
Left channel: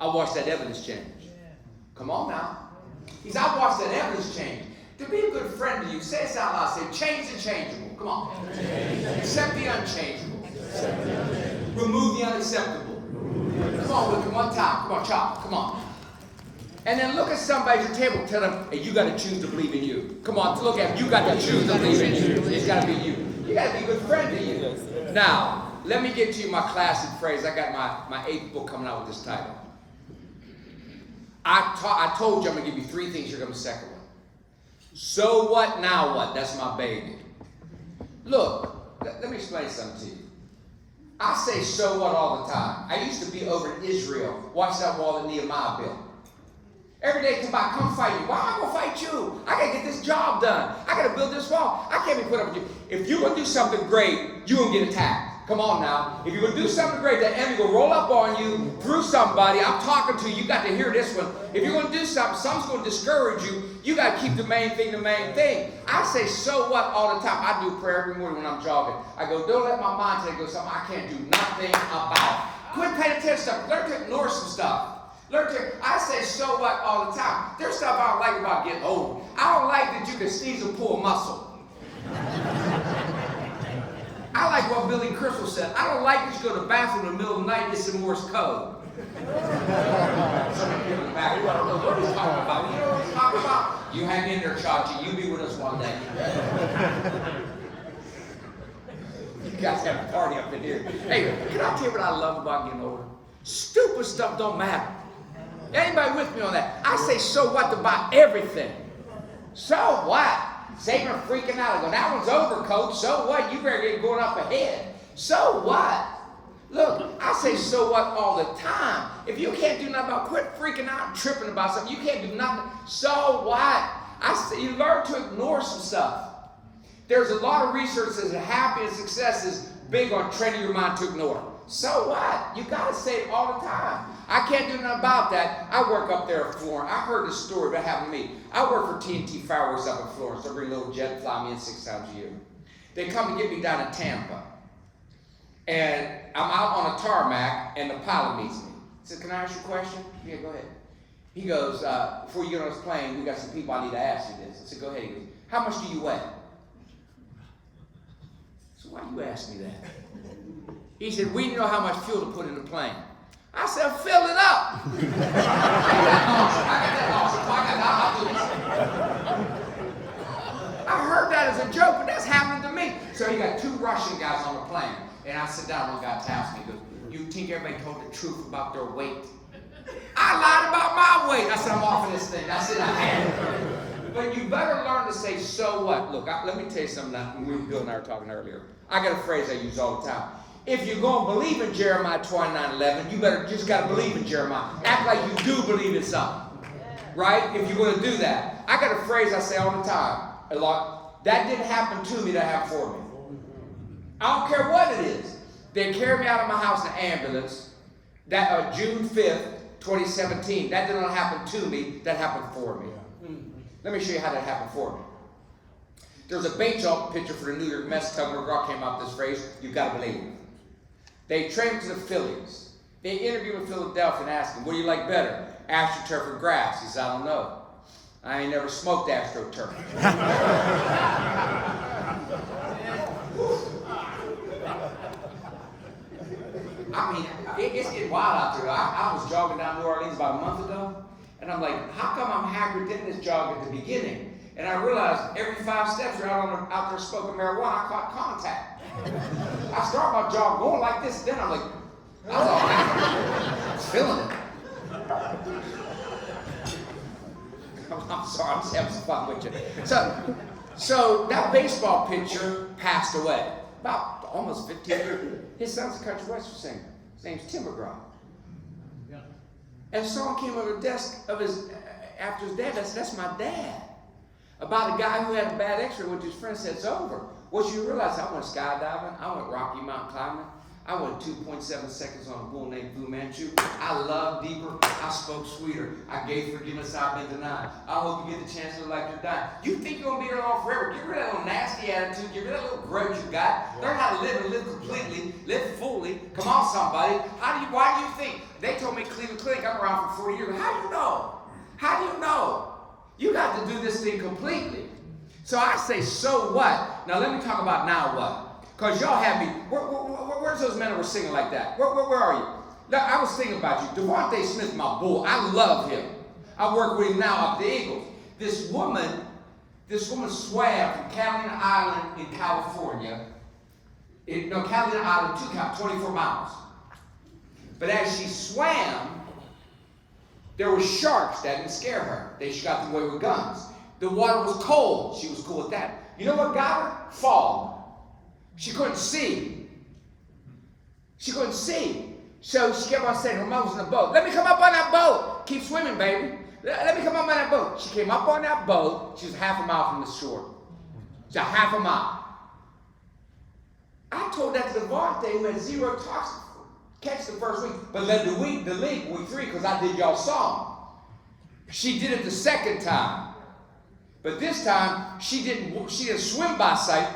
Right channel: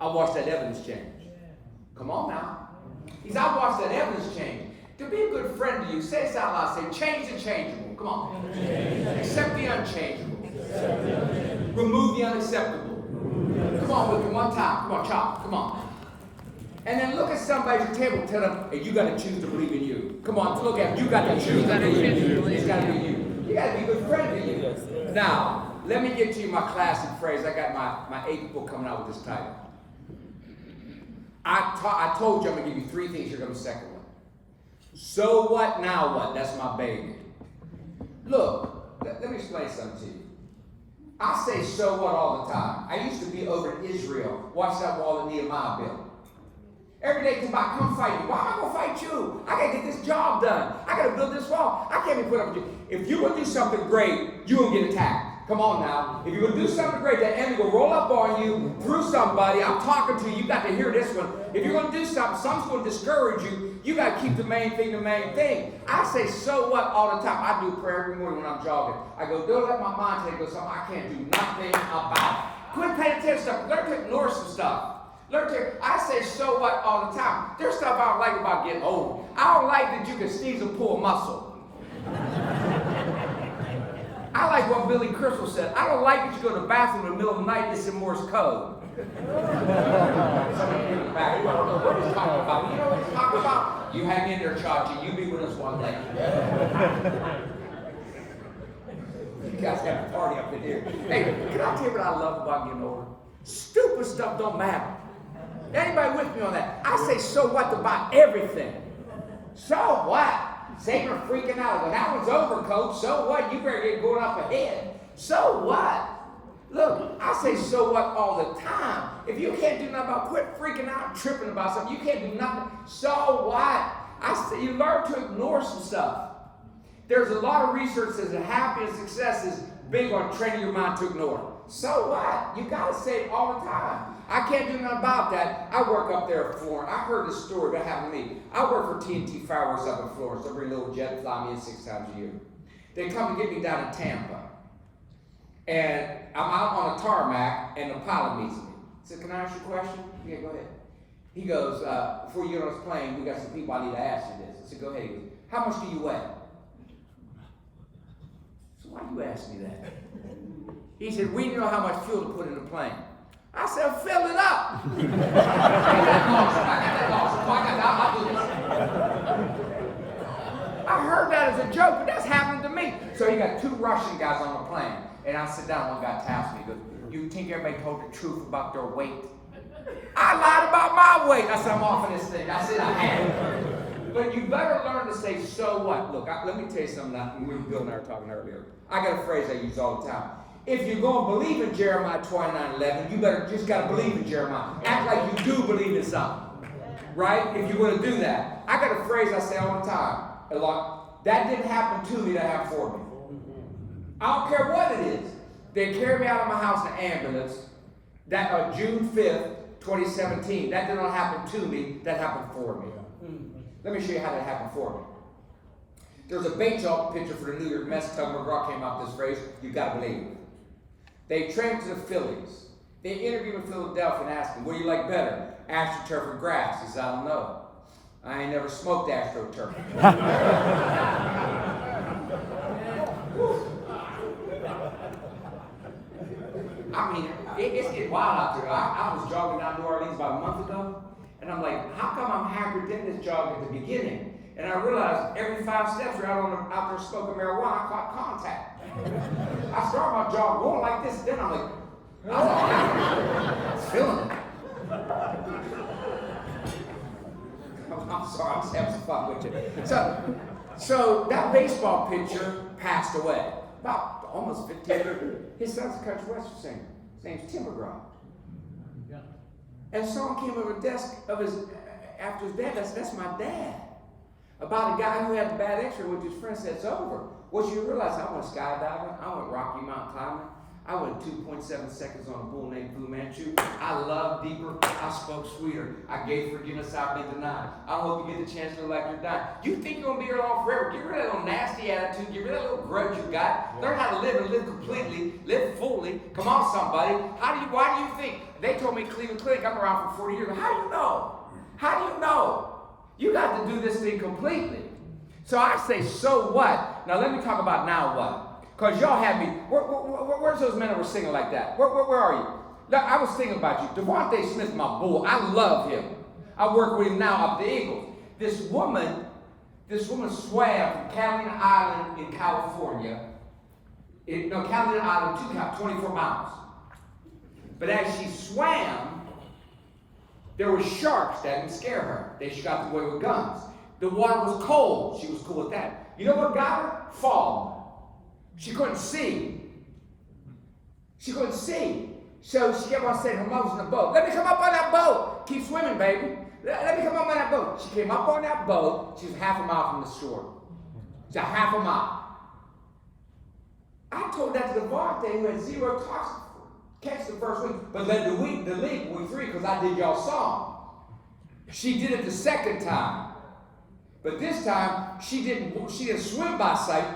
I watched that evidence change. Come on now. He said, I watched that evidence change. To be a good friend to you, say this out loud. Say, change the changeable. Come on. Accept the unchangeable. Remove the unacceptable. Come on with me one time. Come on, chop. Come on. And then look at somebody at your table and tell them, hey, you got to choose to believe in you. Come on, look at them. You got to choose to believe in you. It's got to be you. You got to be a good friend to you. Now, let me get to you my classic phrase. I got my 8th book coming out with this title. I told you I'm going to give you 3 things. Here comes the second one. So what, now what? That's my baby. Look, let me explain something to you. I say so what all the time. I used to be over in Israel. Watch that wall that Nehemiah built. Every day come by, come fight me. Why am I going to fight you? I got to get this job done. I got to build this wall. I can't be put up with you. If you're going to do something great, you're going to get attacked. Come on now. If you're going to do something great, that enemy will roll up on you through somebody. I'm talking to you. You got to hear this one. If you're going to do something, something's going to discourage you. You got to keep the main thing the main thing. I say so what all the time. I do prayer every morning when I'm jogging. I go, don't let my mind take something I can't do nothing about. Quit paying attention to stuff. Learn to ignore some stuff. I say so what all the time. There's stuff I don't like about getting old. I don't like that you can sneeze and pull a muscle. I like what Billy Crystal said. I don't like that you go to the bathroom in the middle of the night. It's in Morse code. Some of you in the back, I don't know what he's talking about. You know what he's talking about? You hang in there, Chachi. You be with us one day. You guys have a party up in here. Hey, can I tell you what I love about getting older? Stupid stuff don't matter. Anybody with me on that? I say so what about everything. So what? Satan are freaking out. I go, that one's over, coach. So what? You better get going up ahead. So what? Look, I say so what all the time. If you can't do nothing about quit freaking out and tripping about something, you can't do nothing. So what? I say you learn to ignore some stuff. There's a lot of research that says that happiness and success is big on training your mind to ignore. So what? You got to say it all the time. I can't do nothing about that. I work up there in Florence. I heard this story that happened to me. I work for TNT Fireworks up in Florence. They bring a little jet and fly me in 6 times a year. They come to get me down in Tampa. And I'm out on a tarmac, and the pilot meets me. He said, can I ask you a question? Yeah, go ahead. He goes, before you get on this plane, we got some people I need to ask you this. I said, go ahead. He goes, how much do you weigh? So why do you ask me that? He said, we know how much fuel to put in the plane. I said, fill it up. I got that awesome. I'll do this. I heard that as a joke, but that's happening to me. So he got 2 Russian guys on the plane. And I sit down, one guy taps me. He goes, you think everybody told the truth about their weight? I lied about my weight. I said, I'm off of this thing. I said, I had it. But you better learn to say, so what? Look, let me tell you something. Bill and I were talking earlier. I got a phrase I use all the time. If you're going to believe in Jeremiah 29:11, you better just got to believe in Jeremiah. Act like you do believe in something. Right? If you're going to do that. I got a phrase I say all the time. A lot. That didn't happen to me, that happened for me. I don't care what it is. They carried me out of my house in an ambulance. That June 5th, 2017. That did not happen to me. That happened for me. Let me show you how that happened for me. There's a baseball pitcher for the New York Mets. Tug McGraw came out with this phrase, you got to believe. They traded to the Phillies. They interviewed in Philadelphia and asked him, what do you like better, AstroTurf or grass? He said, I don't know. I ain't never smoked AstroTurf. I mean, it's getting wild out there. I was jogging down New Orleans about a month ago, and I'm like, how come I'm happier than this jog at the beginning? And I realized every 5 steps you're out there smoking marijuana, I caught contact. I started my jog going like this, then I'm like, I was all happy. I was feeling it. I'm sorry, I'm just having some fun with you. So that baseball pitcher passed away. About almost 15 years. His son's a country western singer. His name's Tim McGraw. Yeah. And a song came on the desk of after his dad. That's my dad. About a guy who had a bad x-ray, which his friend said, it's over. What you realize, I went skydiving, I went Rocky Mountain climbing, I went 2.7 seconds on a bull named Fu Manchu. I loved deeper. I spoke sweeter. I gave forgiveness I've been denied. I hope you get the chance to live like you're dying. You think you're going to be here long forever. Get rid of that little nasty attitude. Get rid of that little grudge you got. Learn how to live and live completely. Live fully. Come on, somebody. Why do you think? They told me Cleveland Clinic, I'm around for 40 years. How do you know? How do you know? You got to do this thing completely. So I say, so what? Now let me talk about now what. Because y'all have me, where's those men that were singing like that? Where are you? Now, I was thinking about you. Devontae Smith, my bull, I love him. I work with him now up at the Eagles. This woman swam from Catalina Island in California. Catalina Island, 24 miles. But as she swam, there were sharks that didn't scare her. She got away with guns. The water was cold. She was cool with that. You know what got her? Fog. She couldn't see. She couldn't see. So she kept on saying her mom was in the boat. Let me come up on that boat. Keep swimming, baby. Let me come up on that boat. She came up on that boat. She was half a mile from the shore. She's a half a mile. I told that to Devontae, who had 0 toxic catch the first week, but led the league week 3 because I did y'all song. She did it the second time. But this time, she didn't swim by sight.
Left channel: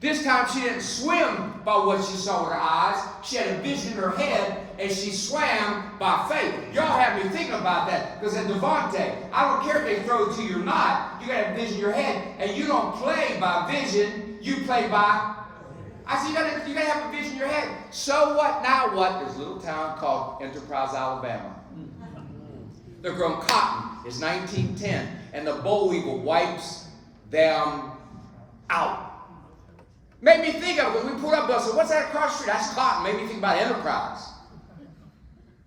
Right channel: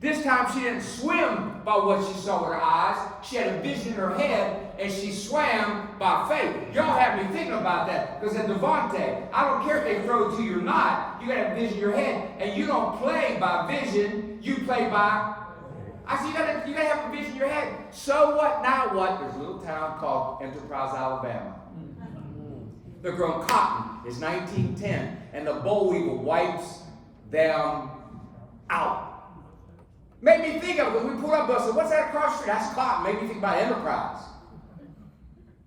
This time she didn't swim by what she saw with her eyes. She had a vision in her head, and she swam by faith. Y'all have me thinking about that. Because at Devontae, I don't care if they throw it to you or not. You got to have vision in your head. And you don't play by vision. You play by... I said, you got to have a vision in your head. So what, now what? There's a little town called Enterprise, Alabama. They're growing cotton. It's 1910. And the boll weevil wipes them out. Made me think of it because we pulled up and I said, what's that across the street? That's cotton. Made me think about Enterprise.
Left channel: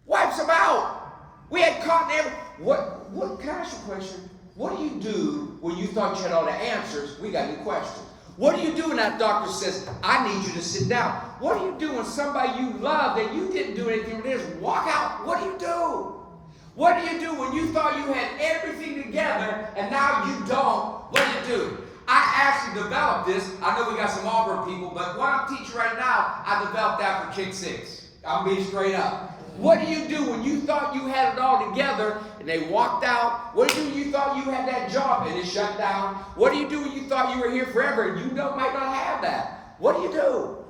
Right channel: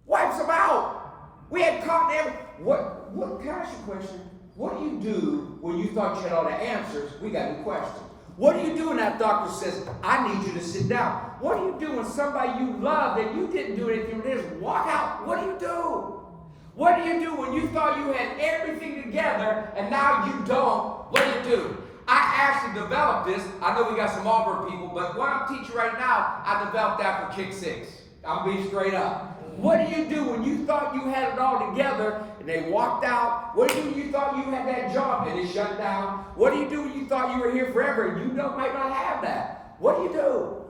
Wipes them out. We had cotton everywhere. What, can I ask you a question? What do you do when you thought you had all the answers? We got new questions. What do you do when that doctor says, I need you to sit down? What do you do when somebody you love that you didn't do anything with is walk out? What do you do? What do you do when you thought you had everything together and now you don't? What do you do? I actually developed this. I know we got some Auburn people, but what I'm teaching right now, I developed that for Kick 6. I'm being straight up. What do you do when you thought you had it all together and they walked out? What do you do when you thought you had that job and it shut down? What do you do when you thought you were here forever and you might not have that? What do you do?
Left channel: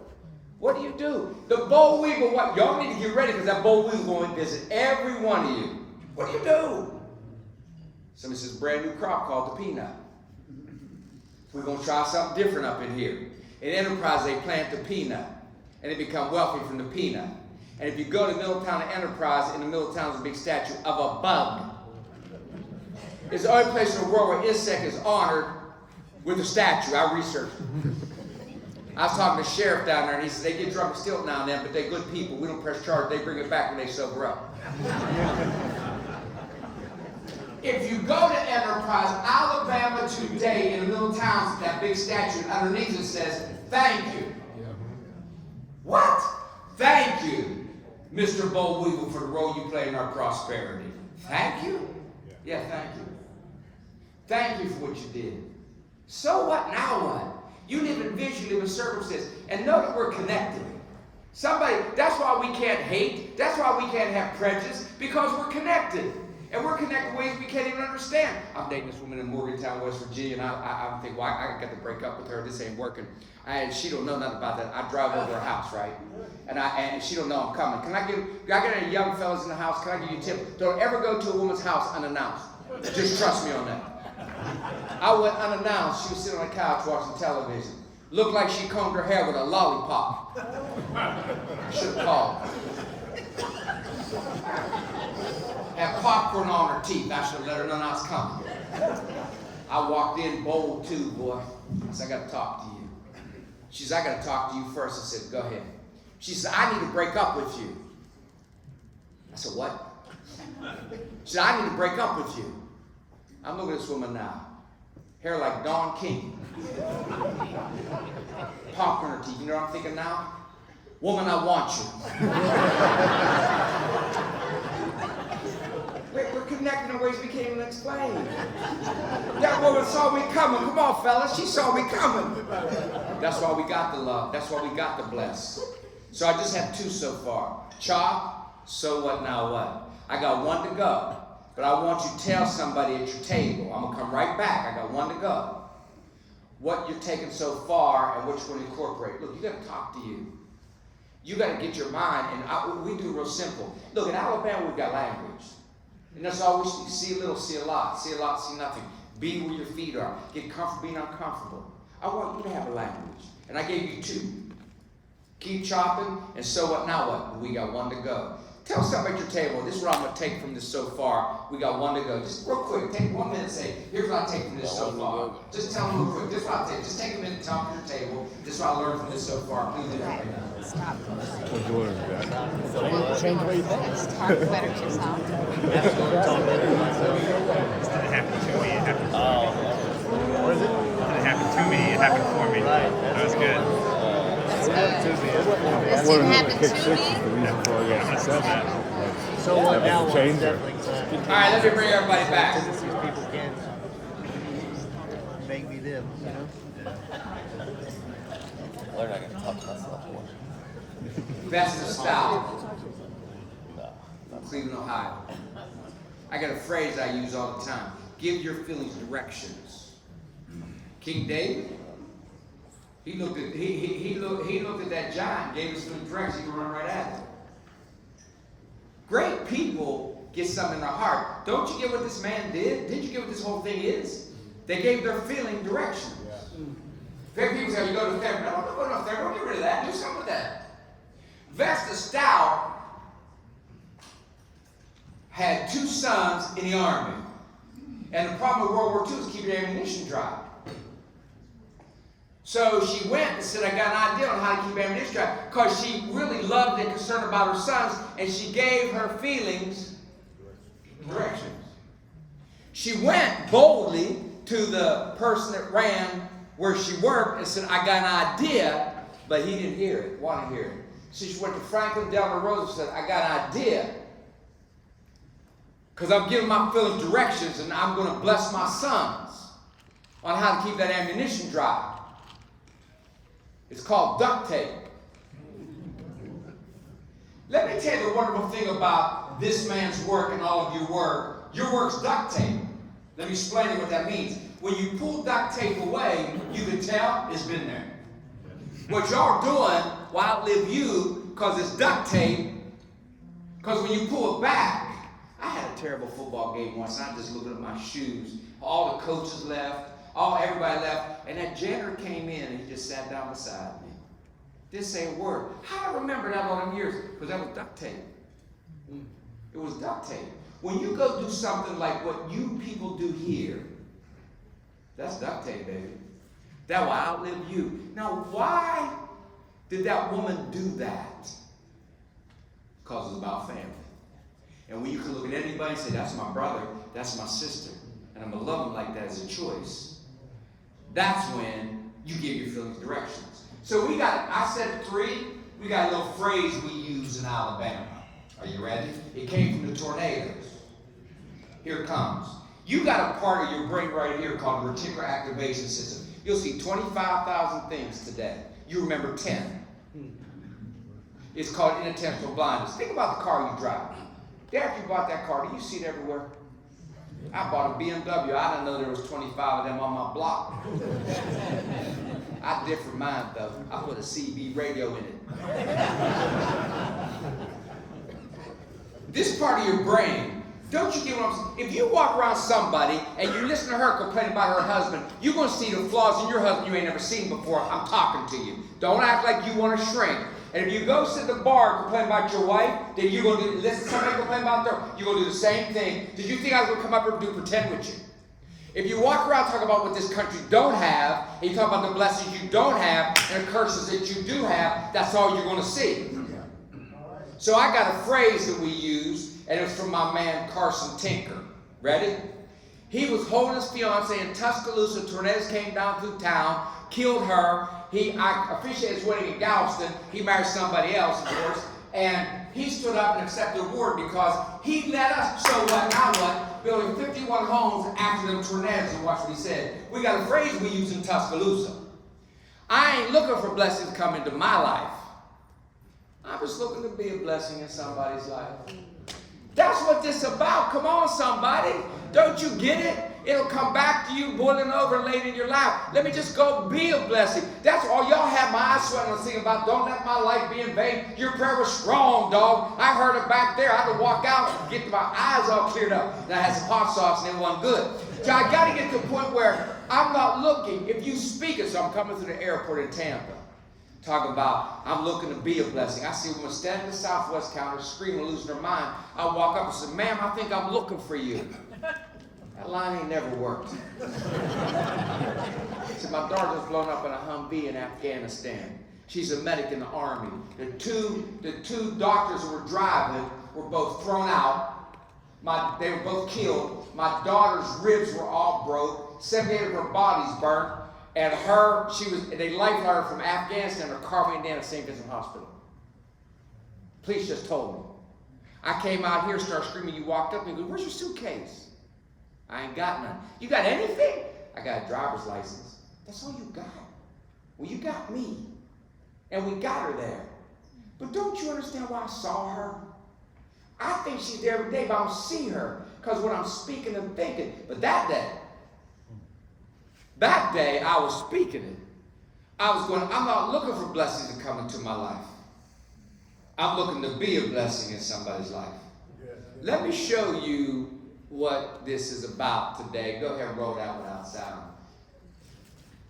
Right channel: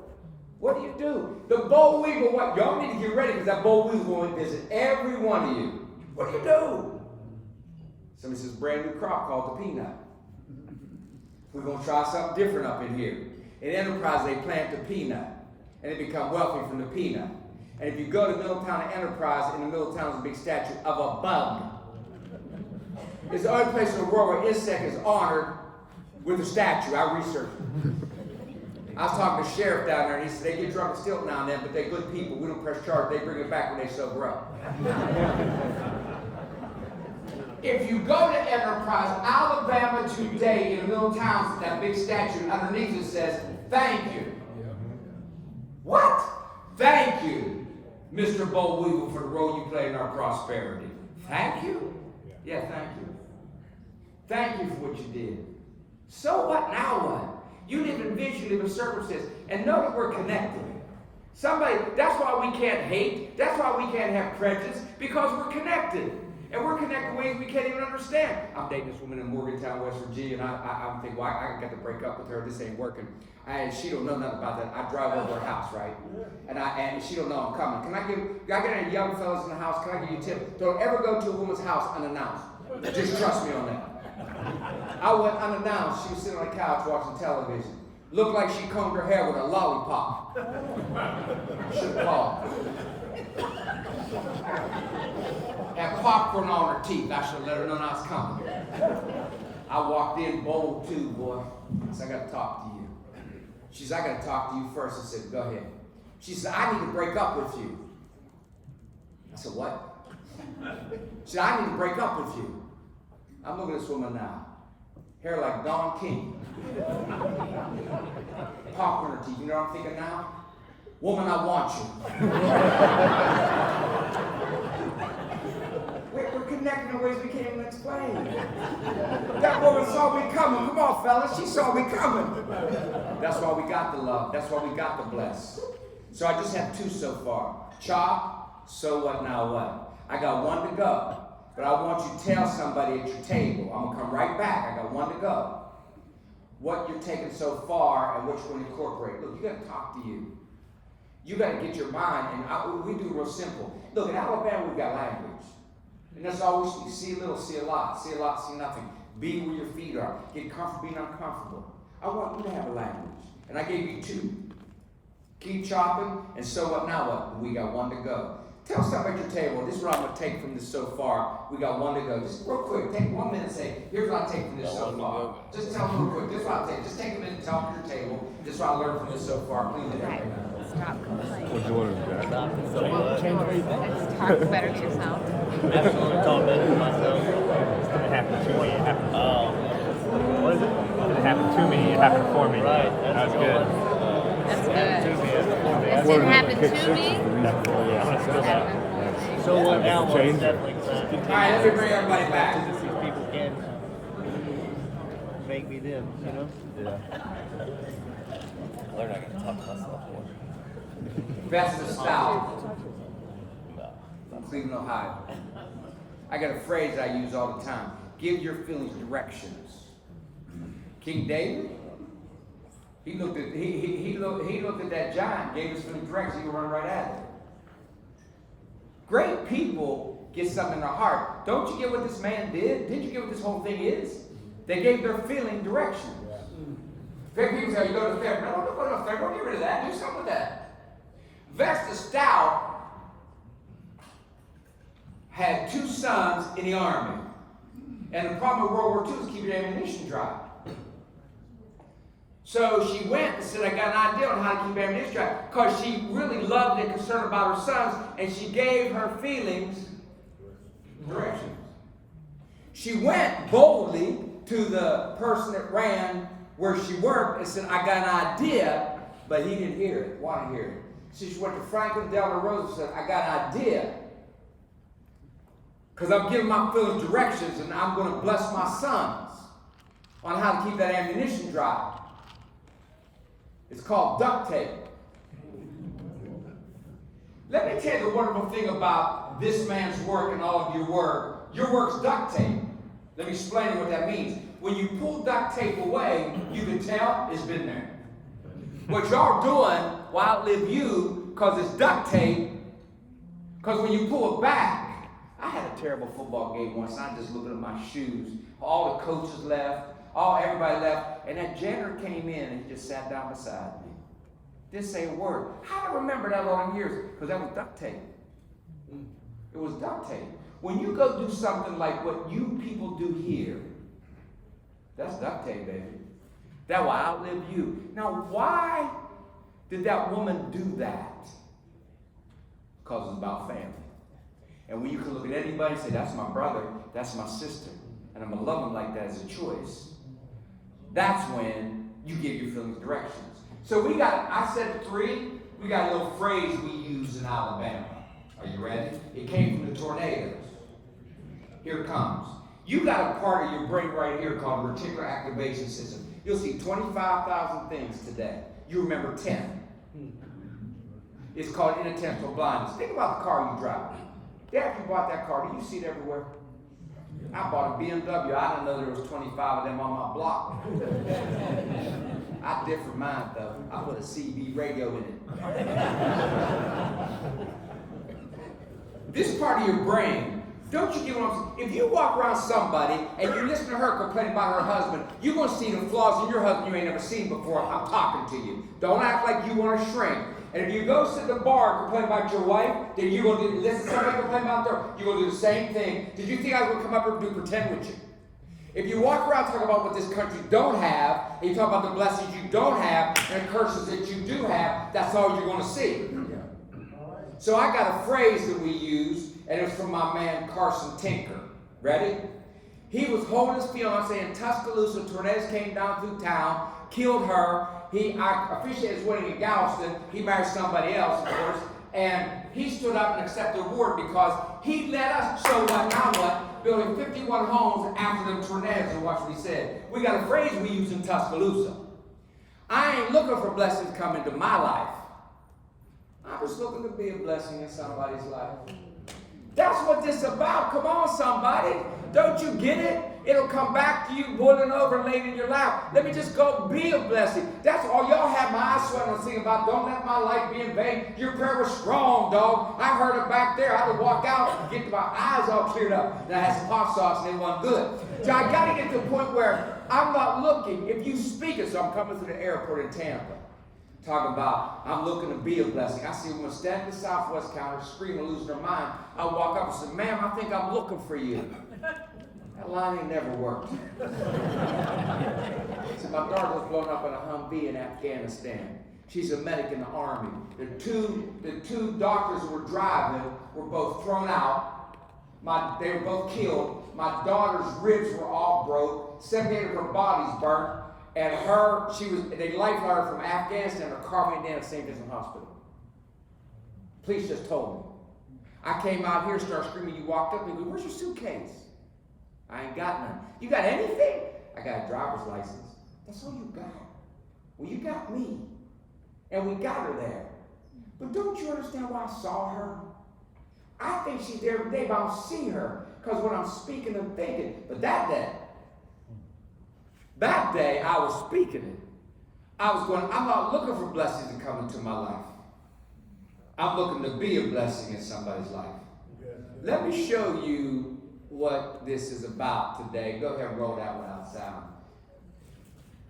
What do you do? The boll weevil, what? Y'all need to get ready because that boll weevil will visit every one of you. What do you do? Somebody says brand new crop called the peanut. We're going to try something different up in here. In Enterprise, they plant the peanut, and they become wealthy from the peanut. And if you go to Middletown and Enterprise, in the middle of town is a big statue of a bug. It's the only place in the world where insect is honored with a statue. I researched it. I was talking to the sheriff down there, and he said, they get drunk and steal now and then, but they're good people. We don't press charge. They bring it back when they sober up. If you go to Enterprise, Alabama today, in the middle of town, that big statue, underneath it says, thank you. What? Thank you, Mr. Boll Weevil, for the role you play in our prosperity. Thank you? Yeah, thank you. Thank you for what you did. So what? Now what? You live in vision, you live in circumstance, and know that we're connected. That's why we can't hate. That's why we can't have prejudice, because we're connected. And we're connected in ways we can't even understand. I'm dating this woman in Morgantown, West Virginia, and I'm thinking, well, I got to break up with her. This ain't working. And she don't know nothing about that. I drive over her house, right? And she don't know I'm coming. Can I get any young fellas in the house? Can I give you a tip? Don't ever go to a woman's house unannounced. Just trust me on that. I went unannounced. She was sitting on the couch watching television. Looked like she combed her hair with a lollipop. I should have called. Had popcorn on her teeth. I should have let her know I was coming. I walked in bold too, boy. I said, I got to talk to you. She said, I got to talk to you first. I said, go ahead. She said, I need to break up with you. I said, what? She said, I need to break up with you. I'm looking at this woman now. Hair like Don King. Popcorn on her teeth. You know what I'm thinking now? Woman, I want you. We're connected in ways we can't even explain. That woman saw me coming. Come on, fellas. She saw me coming. That's why we got the love. That's why we got the bless. So I just have 2 so far. Chop, so what, now what? I got 1 to go. But I want you to tell somebody at your table. I'm going to come right back. I got 1 to go. What you're taking so far and what you're going to incorporate. Look, you got to talk to you. You got to get your mind, and we do real simple. Look, in Alabama, we've got language. And that's all we see a little, see a lot, see nothing. Be where your feet are. Get comfortable being uncomfortable. I want you to have a language. And I gave you 2. Keep chopping, and so what, now what? We got 1 to go. Tell somebody at your table, this is what I'm going to take from this so far. We got 1 to go. Just real quick, take 1 minute and say, here's what I take from this so far. Just tell them real quick, this is what I take. Just take a minute and tell them at your table, this is what I learned from this so far. Please do that right now. What'd you learn, Jack? Change the way you think. Talk better to yourself. It didn't happen to me, it happened for me. It didn't happen to me, it happened for me. That was good. That's good. I've learned that kick 6 is the reason for all your success. That was a changer. All right, let me bring everybody back. These people can't make me live, you know? Learn I can talk myself. Best of style from Cleveland, Ohio. I got a phrase I use all the time. Give your feelings directions. King David, he looked at that giant, gave his feelings directions, he could run right at it. Great people get something in their heart. Don't you get what this man did? Didn't you get what this whole thing is? They gave their feeling directions. Great people say, you go to the fair. No, don't go to the fair. Don't get rid of that. Do something with that. Vesta Stout had 2 sons in the army. And the problem with World War II is keeping ammunition dry. So she went and said, I got an idea on how to keep ammunition dry. Because she really loved and concerned about her sons. And she gave her feelings directions. She went boldly to the person that ran where she worked and said, I got an idea. But he didn't hear it, want to hear it. So she went to Franklin Delano Roosevelt and said, I got an idea. Because I'm giving my feelings directions and I'm going to bless my sons on how to keep that ammunition dry. It's called duct tape. Let me tell you the wonderful thing about this man's work and all of your work. Your work's duct tape. Let me explain to you what that means. When you pull duct tape away, you can tell it's been there. What y'all doing will outlive you because it's duct tape. Because when you pull it back, I had a terrible football game once, and I just looking at my shoes. All the coaches left, everybody left, and that janitor came in and he just sat down beside me. Didn't say a word. How do I remember that all them years? Because that was duct tape. It was duct tape. When you go do something like what you people do here, that's duct tape, baby. That will outlive you. Now, why did that woman do that? Because it's about family. And when you can look at anybody and say, that's my brother, that's my sister, and I'm going to love them like that as a choice, that's when you give your feelings directions. So I said 3, we got a little phrase we use in Alabama. Are you ready? It came from the tornadoes. Here it comes. You got a part of your brain right here called the reticular activation system. You'll see 25,000 things today. You remember 10. It's called inattentional blindness. Think about the car you drive. After you bought that car, do you see it everywhere? I bought a BMW. I didn't know there was 25 of them on my block. I differ mine though. I put a CB radio in it. This part of your brain, don't you get what I'm saying? If you walk around somebody and you listen to her complaining about her husband, you're going to see the flaws in your husband you may never seen before. I'm talking to you. Don't act like you want to shrink. And if you go sit at the bar and complain about your wife, then you're going to listen to somebody complain about her. You're going to do the same thing. Did you think I was going to come up here and do pretend with you? If you walk around talking about what this country don't have, and you talk about the blessings you don't have, and the curses that you do have, that's all you're going to see. So I got a phrase that we use, and it was from my man Carson Tinker. Ready? He was holding his fiancée in Tuscaloosa. Tornadoes came down through town, killed her. I officiated his wedding in Galveston. He married somebody else, of course. And he stood up and accepted the award because he let us show what, now what, building 51 homes after them tornadoes. And watch what he said. We got a phrase we use in Tuscaloosa. I ain't looking for blessings coming to my life. I'm just looking to be a blessing in somebody's life. That's what this is about. Come on, somebody. Don't you get it? It'll come back to you boiling over and laid in your lap. Let me just go be a blessing. That's all y'all have my eyes sweating and singing about. Don't let my life be in vain. Your prayer was strong, dog. I heard it back there. I had to walk out and get my eyes all cleared up. And I had some hot sauce and it wasn't good. So I got to get to a point where I'm not looking. If you speak it, so I'm coming through the airport in Tampa. Talking about, I'm looking to be a blessing. I see a woman standing at the Southwest counter, screaming, losing her mind. I walk up and say, ma'am, I think I'm looking for you. That line ain't never worked. So my daughter was blown up in a Humvee in Afghanistan. She's a medic in the Army. The two doctors who were driving were both thrown out. They were both killed. My daughter's ribs were all broke. 78 of her body's burnt. And they lifelined her from Afghanistan. Her car went down at St. Vincent Hospital. Police just told me. I came out here, started screaming. You walked up and go, where's your suitcase? I ain't got none. You got anything? I got a driver's license. That's all you got. Well, you got me. And we got her there. But don't you understand why I saw her? I think she's there every day, but I don't see her. Because when I'm speaking and thinking. But that day I was speaking it. I was going, I'm not looking for blessings to come into my life. I'm looking to be a blessing in somebody's life. Let me show you what this is about today. Go ahead and roll that one out sound.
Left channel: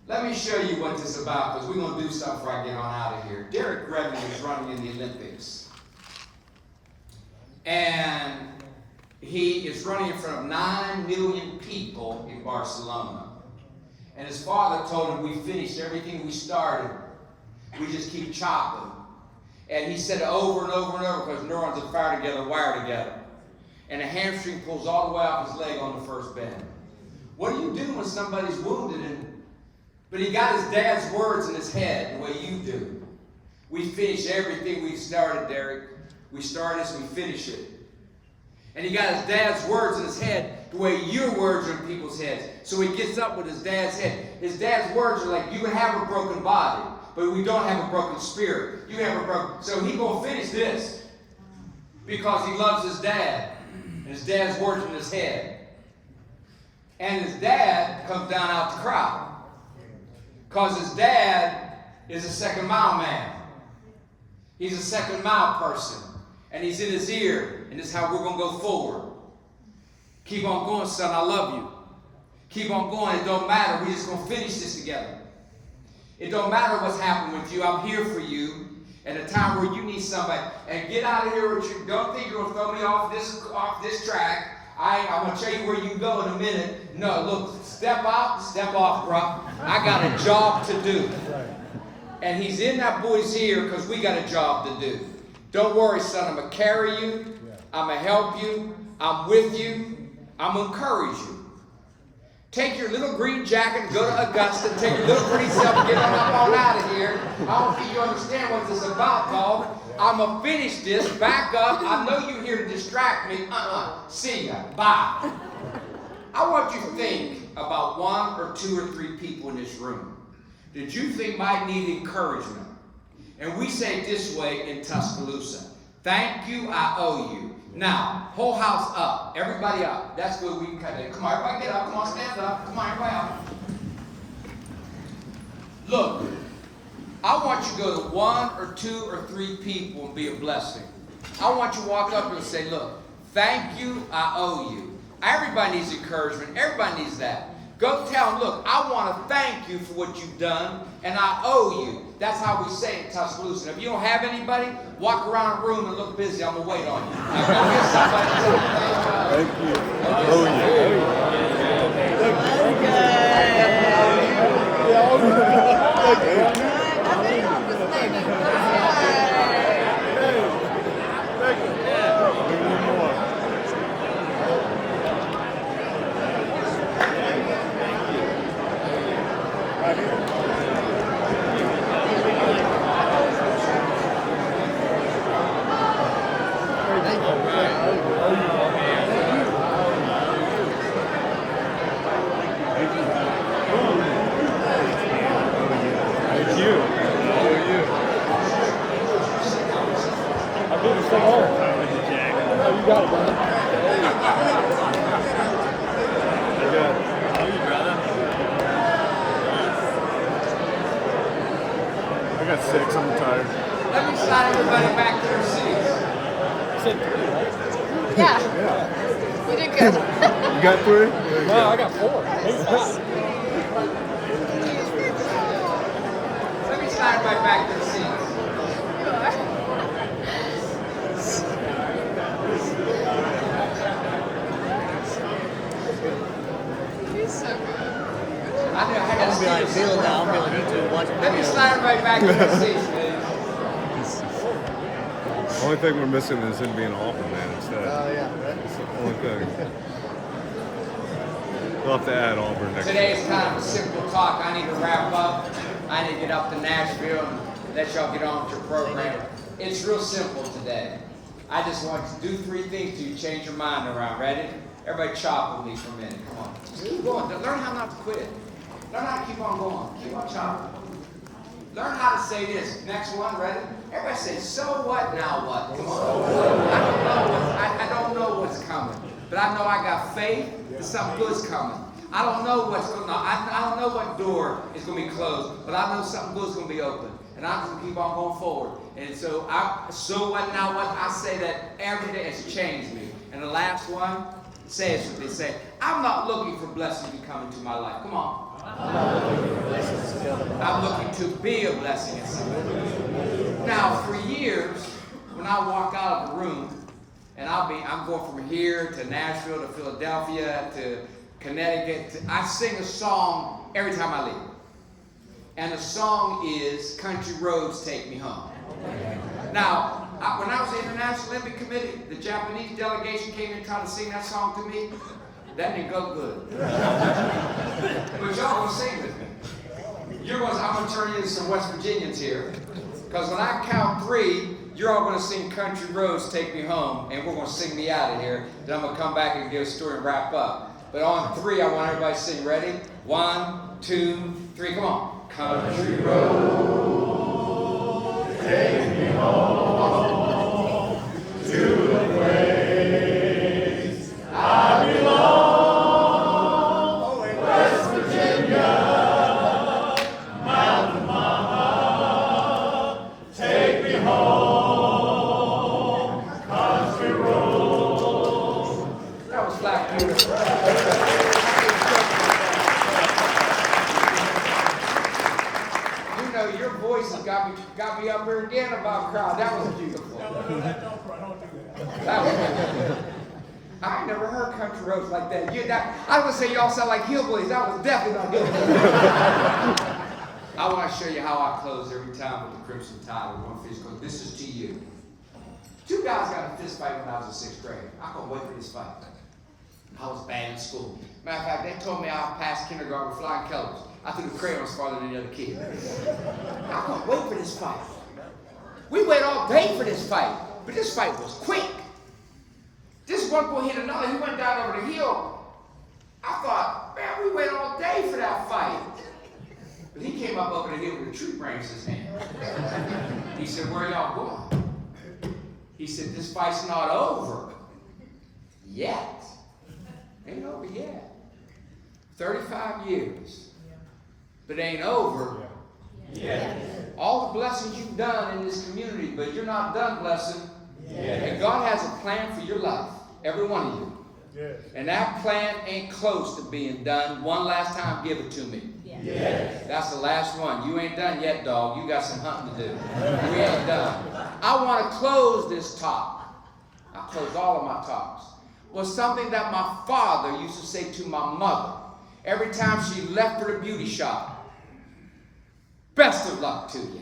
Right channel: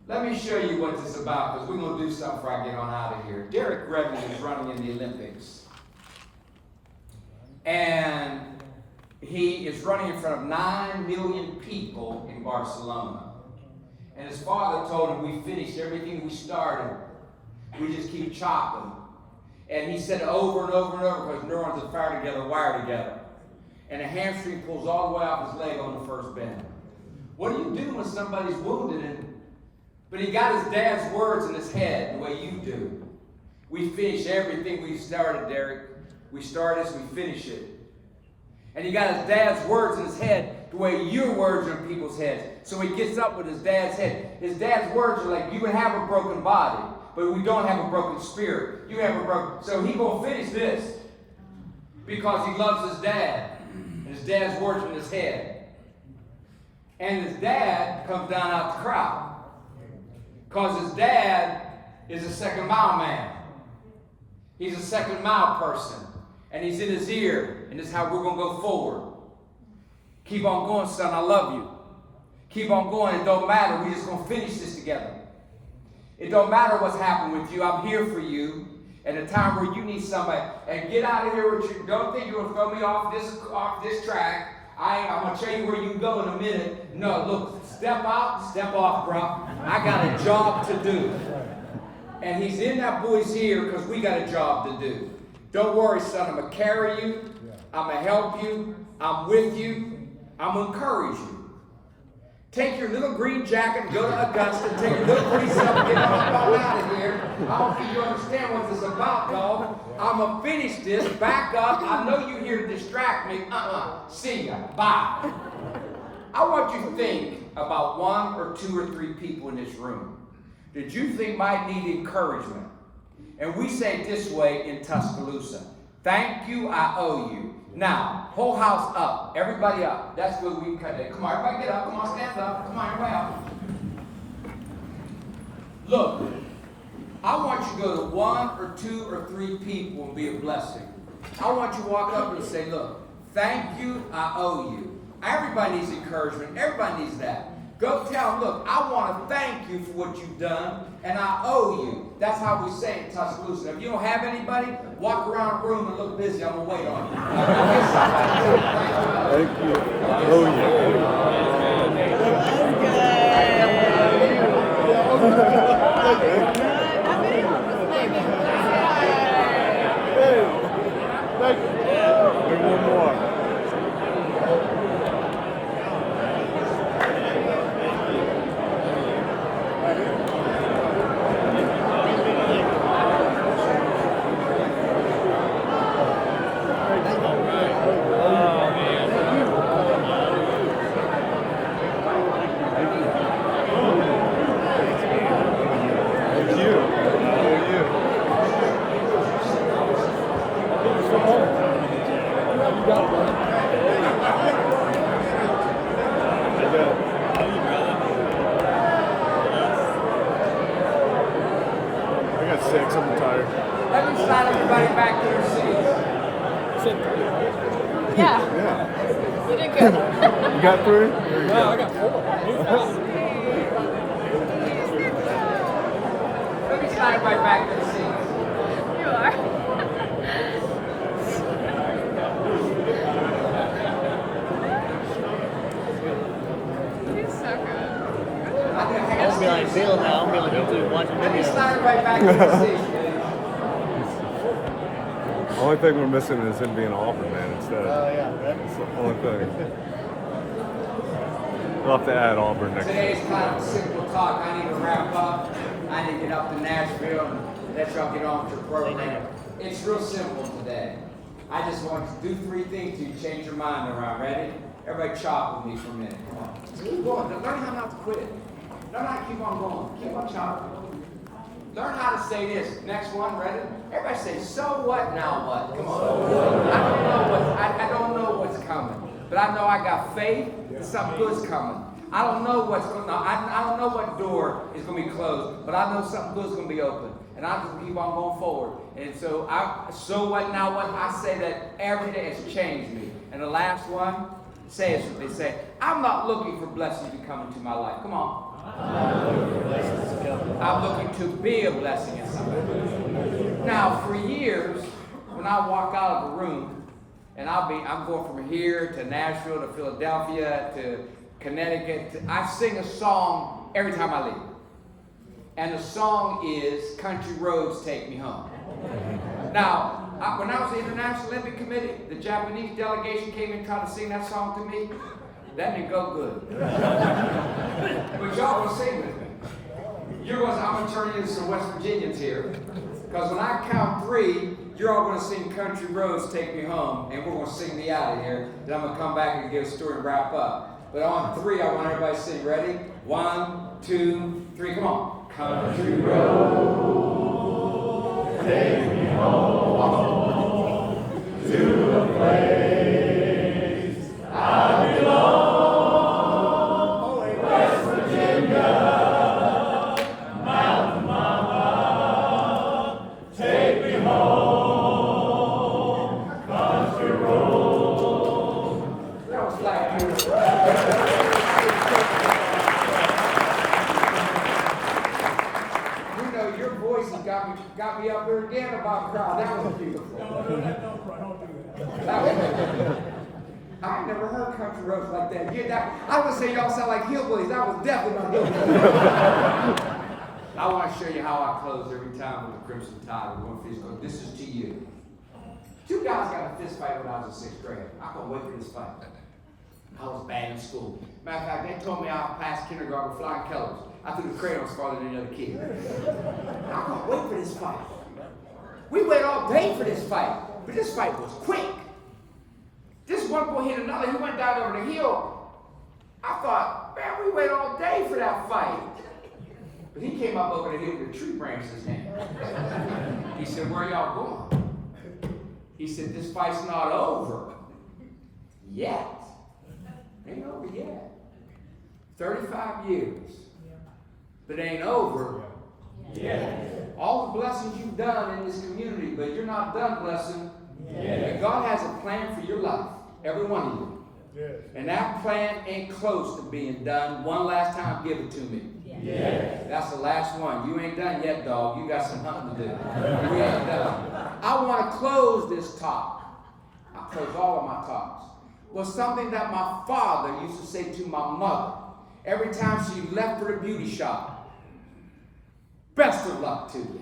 Let me show you what this is about, because we're going to do something before I get on out of here. Derek Redmond is running in the Olympics. And he is running in front of 9 million people in Barcelona. And his father told him, we finished everything we started. We just keep chopping. And he said over and over and over, because neurons are fired together, wired together. And a hamstring pulls all the way off his leg on the first bend. What do you do when somebody's wounded? But he got his dad's words in his head the way you do. We finish everything we started, Derek. We start this, we finish it. And he got his dad's words in his head the way your words are in people's heads. So he gets up with his dad's head. His dad's words are like, you can have a broken body, but we don't have a broken spirit. You have a broken... So he gonna finish this because he loves his dad. And his dad's words in his head. And his dad comes down out the crowd. Because his dad is a second mile man. He's a second mile person. And he's in his ear. And this is how we're going to go forward. Keep on going, son. I love you. Keep on going. It don't matter. We're just going to finish this together. It don't matter what's happened with you. I'm here for you. At a time where you need somebody. And get out of here with you. Don't think you're going to throw me off this track. I'm going to show you where you can go in a minute. No, look, step out, step off, bro. I got a job to do. And he's in that boy's ear because we got a job to do. Don't worry, son. I'm going to carry you. I'm going to help you. I'm with you. I'm going to encourage you. Take your little green jacket and go to Augusta. Take your little pretty self and get on out of here. I don't think you understand what this is about, dog. I'm going to finish this. Back up. I know you're here to distract me. See ya. Bye. I want you to think about 1 or 2 or 3 people in this room that you think might need encouragement. And we say it this way in Tuscaloosa. Thank you, I owe you. Now, whole house up. Everybody up. That's good. We can cut it. Come on, everybody get up. Come on, stand up. Come on, everybody up. Look, I want you to go to 1 or 2 or 3 people and be a blessing. I want you to walk up and say, look, thank you, I owe you. Everybody needs encouragement. Everybody needs that. Go tell them, look, I want to thank you for what you've done, and I owe you. That's how we say it in Tuscaloosa. If you don't have anybody, walk around the room and look busy. I'm going to wait on you. Now, go get somebody. Thank you. I owe you. Thank you. Bring one more. Right here. Thank you. got it, brother. I got it. I got 6. I'm tired. Let me slide everybody back to their seats. I said 3, right? Yeah, Yeah. you did good. You got 3? There you go. I got 4. Maybe 5. Let me slide everybody back to their seats. I know I had to steal some from. Let me slide everybody back to their seats, please. The only thing we're missing is him being an Auburn man instead. That's the only thing. We'll have to add Auburn next year. Today's kind of a simple talk. I need to wrap up. I need to get up to Nashville and let y'all get on with your program. It's real simple today. I just want to do 3 things to change your mind around. Ready? Everybody chop with me for a minute. Come on. Just keep going. Learn how not to quit. Learn how to keep on going. Keep on chopping. Learn how to say this. Next one, ready? Everybody say, so what, now what? Come on. I don't know what's coming. But I know I got faith that something good's coming. I don't know what's going on. I don't know what door is going to be closed, but I know something good's going to be open. And I'm just going to keep on going forward. And so what, now what? I say that every day has changed me. And the last one says what they say. I'm not looking for blessings to come into my life. Come on. I'm looking to be a blessing in somebody. Now, for years, when I walk out of a room, and I'm going from here to Nashville to Philadelphia to Connecticut. I sing a song every time I leave. And the song is Country Roads Take Me Home. Now, when I was in the International Olympic Committee, the Japanese delegation came in and tried to sing that song to me. That didn't go good. But y'all gonna sing with me. I'm gonna turn you into some West Virginians here. Because when I count 3, you're all going to sing Country Roads Take Me Home, and we're going to sing me out of here. Then I'm going to come back and give a story and wrap up. But on 3, I want everybody to sing. Ready? 1, 2, 3. Come on. Country Roads Take Me Home to the place I belong. West Virginia, Mountain Mama, take me home, country road. That was Black Beautiful. You know, your voice has got me up here again about crowd. That was beautiful. That was beautiful. I ain't never heard country roads like that. I would say y'all sound like hillbillies. That was definitely not hillbillies. I want to show you how I close every time with the Crimson Tide. We're going to finish. This is to you. 2 guys got a fist fight when I was in 6th grade. I couldn't wait for this fight. I was bad in school. Matter of fact, they told me I passed kindergarten with flying colors. I threw the crayons farther than the other kid. I couldn't wait for this fight. We waited all day for this fight, but this fight was quick. This one boy hit another. He went down over the hill. I thought, man, we waited all day for that fight. But he came up over the hill with a tree branch in his hand. He said, where y'all going? He said, this fight's not over yet. Ain't over yet. 35 years. But ain't over yet. All the blessings you've done in this community, but you're not done blessing. And God has a plan for your life. Every one of you. Yes. And that plan ain't close to being done. One last time, give it to me. Yes. That's the last one. You ain't done yet, dog. You got some hunting to do. We ain't done. I want to close this talk. I close all of my talks. Was something that my father used to say to my mother every time she left for the beauty shop. Best of luck to you.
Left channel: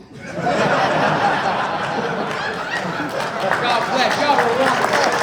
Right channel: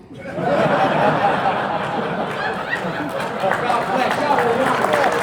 God bless. Y'all were wonderful.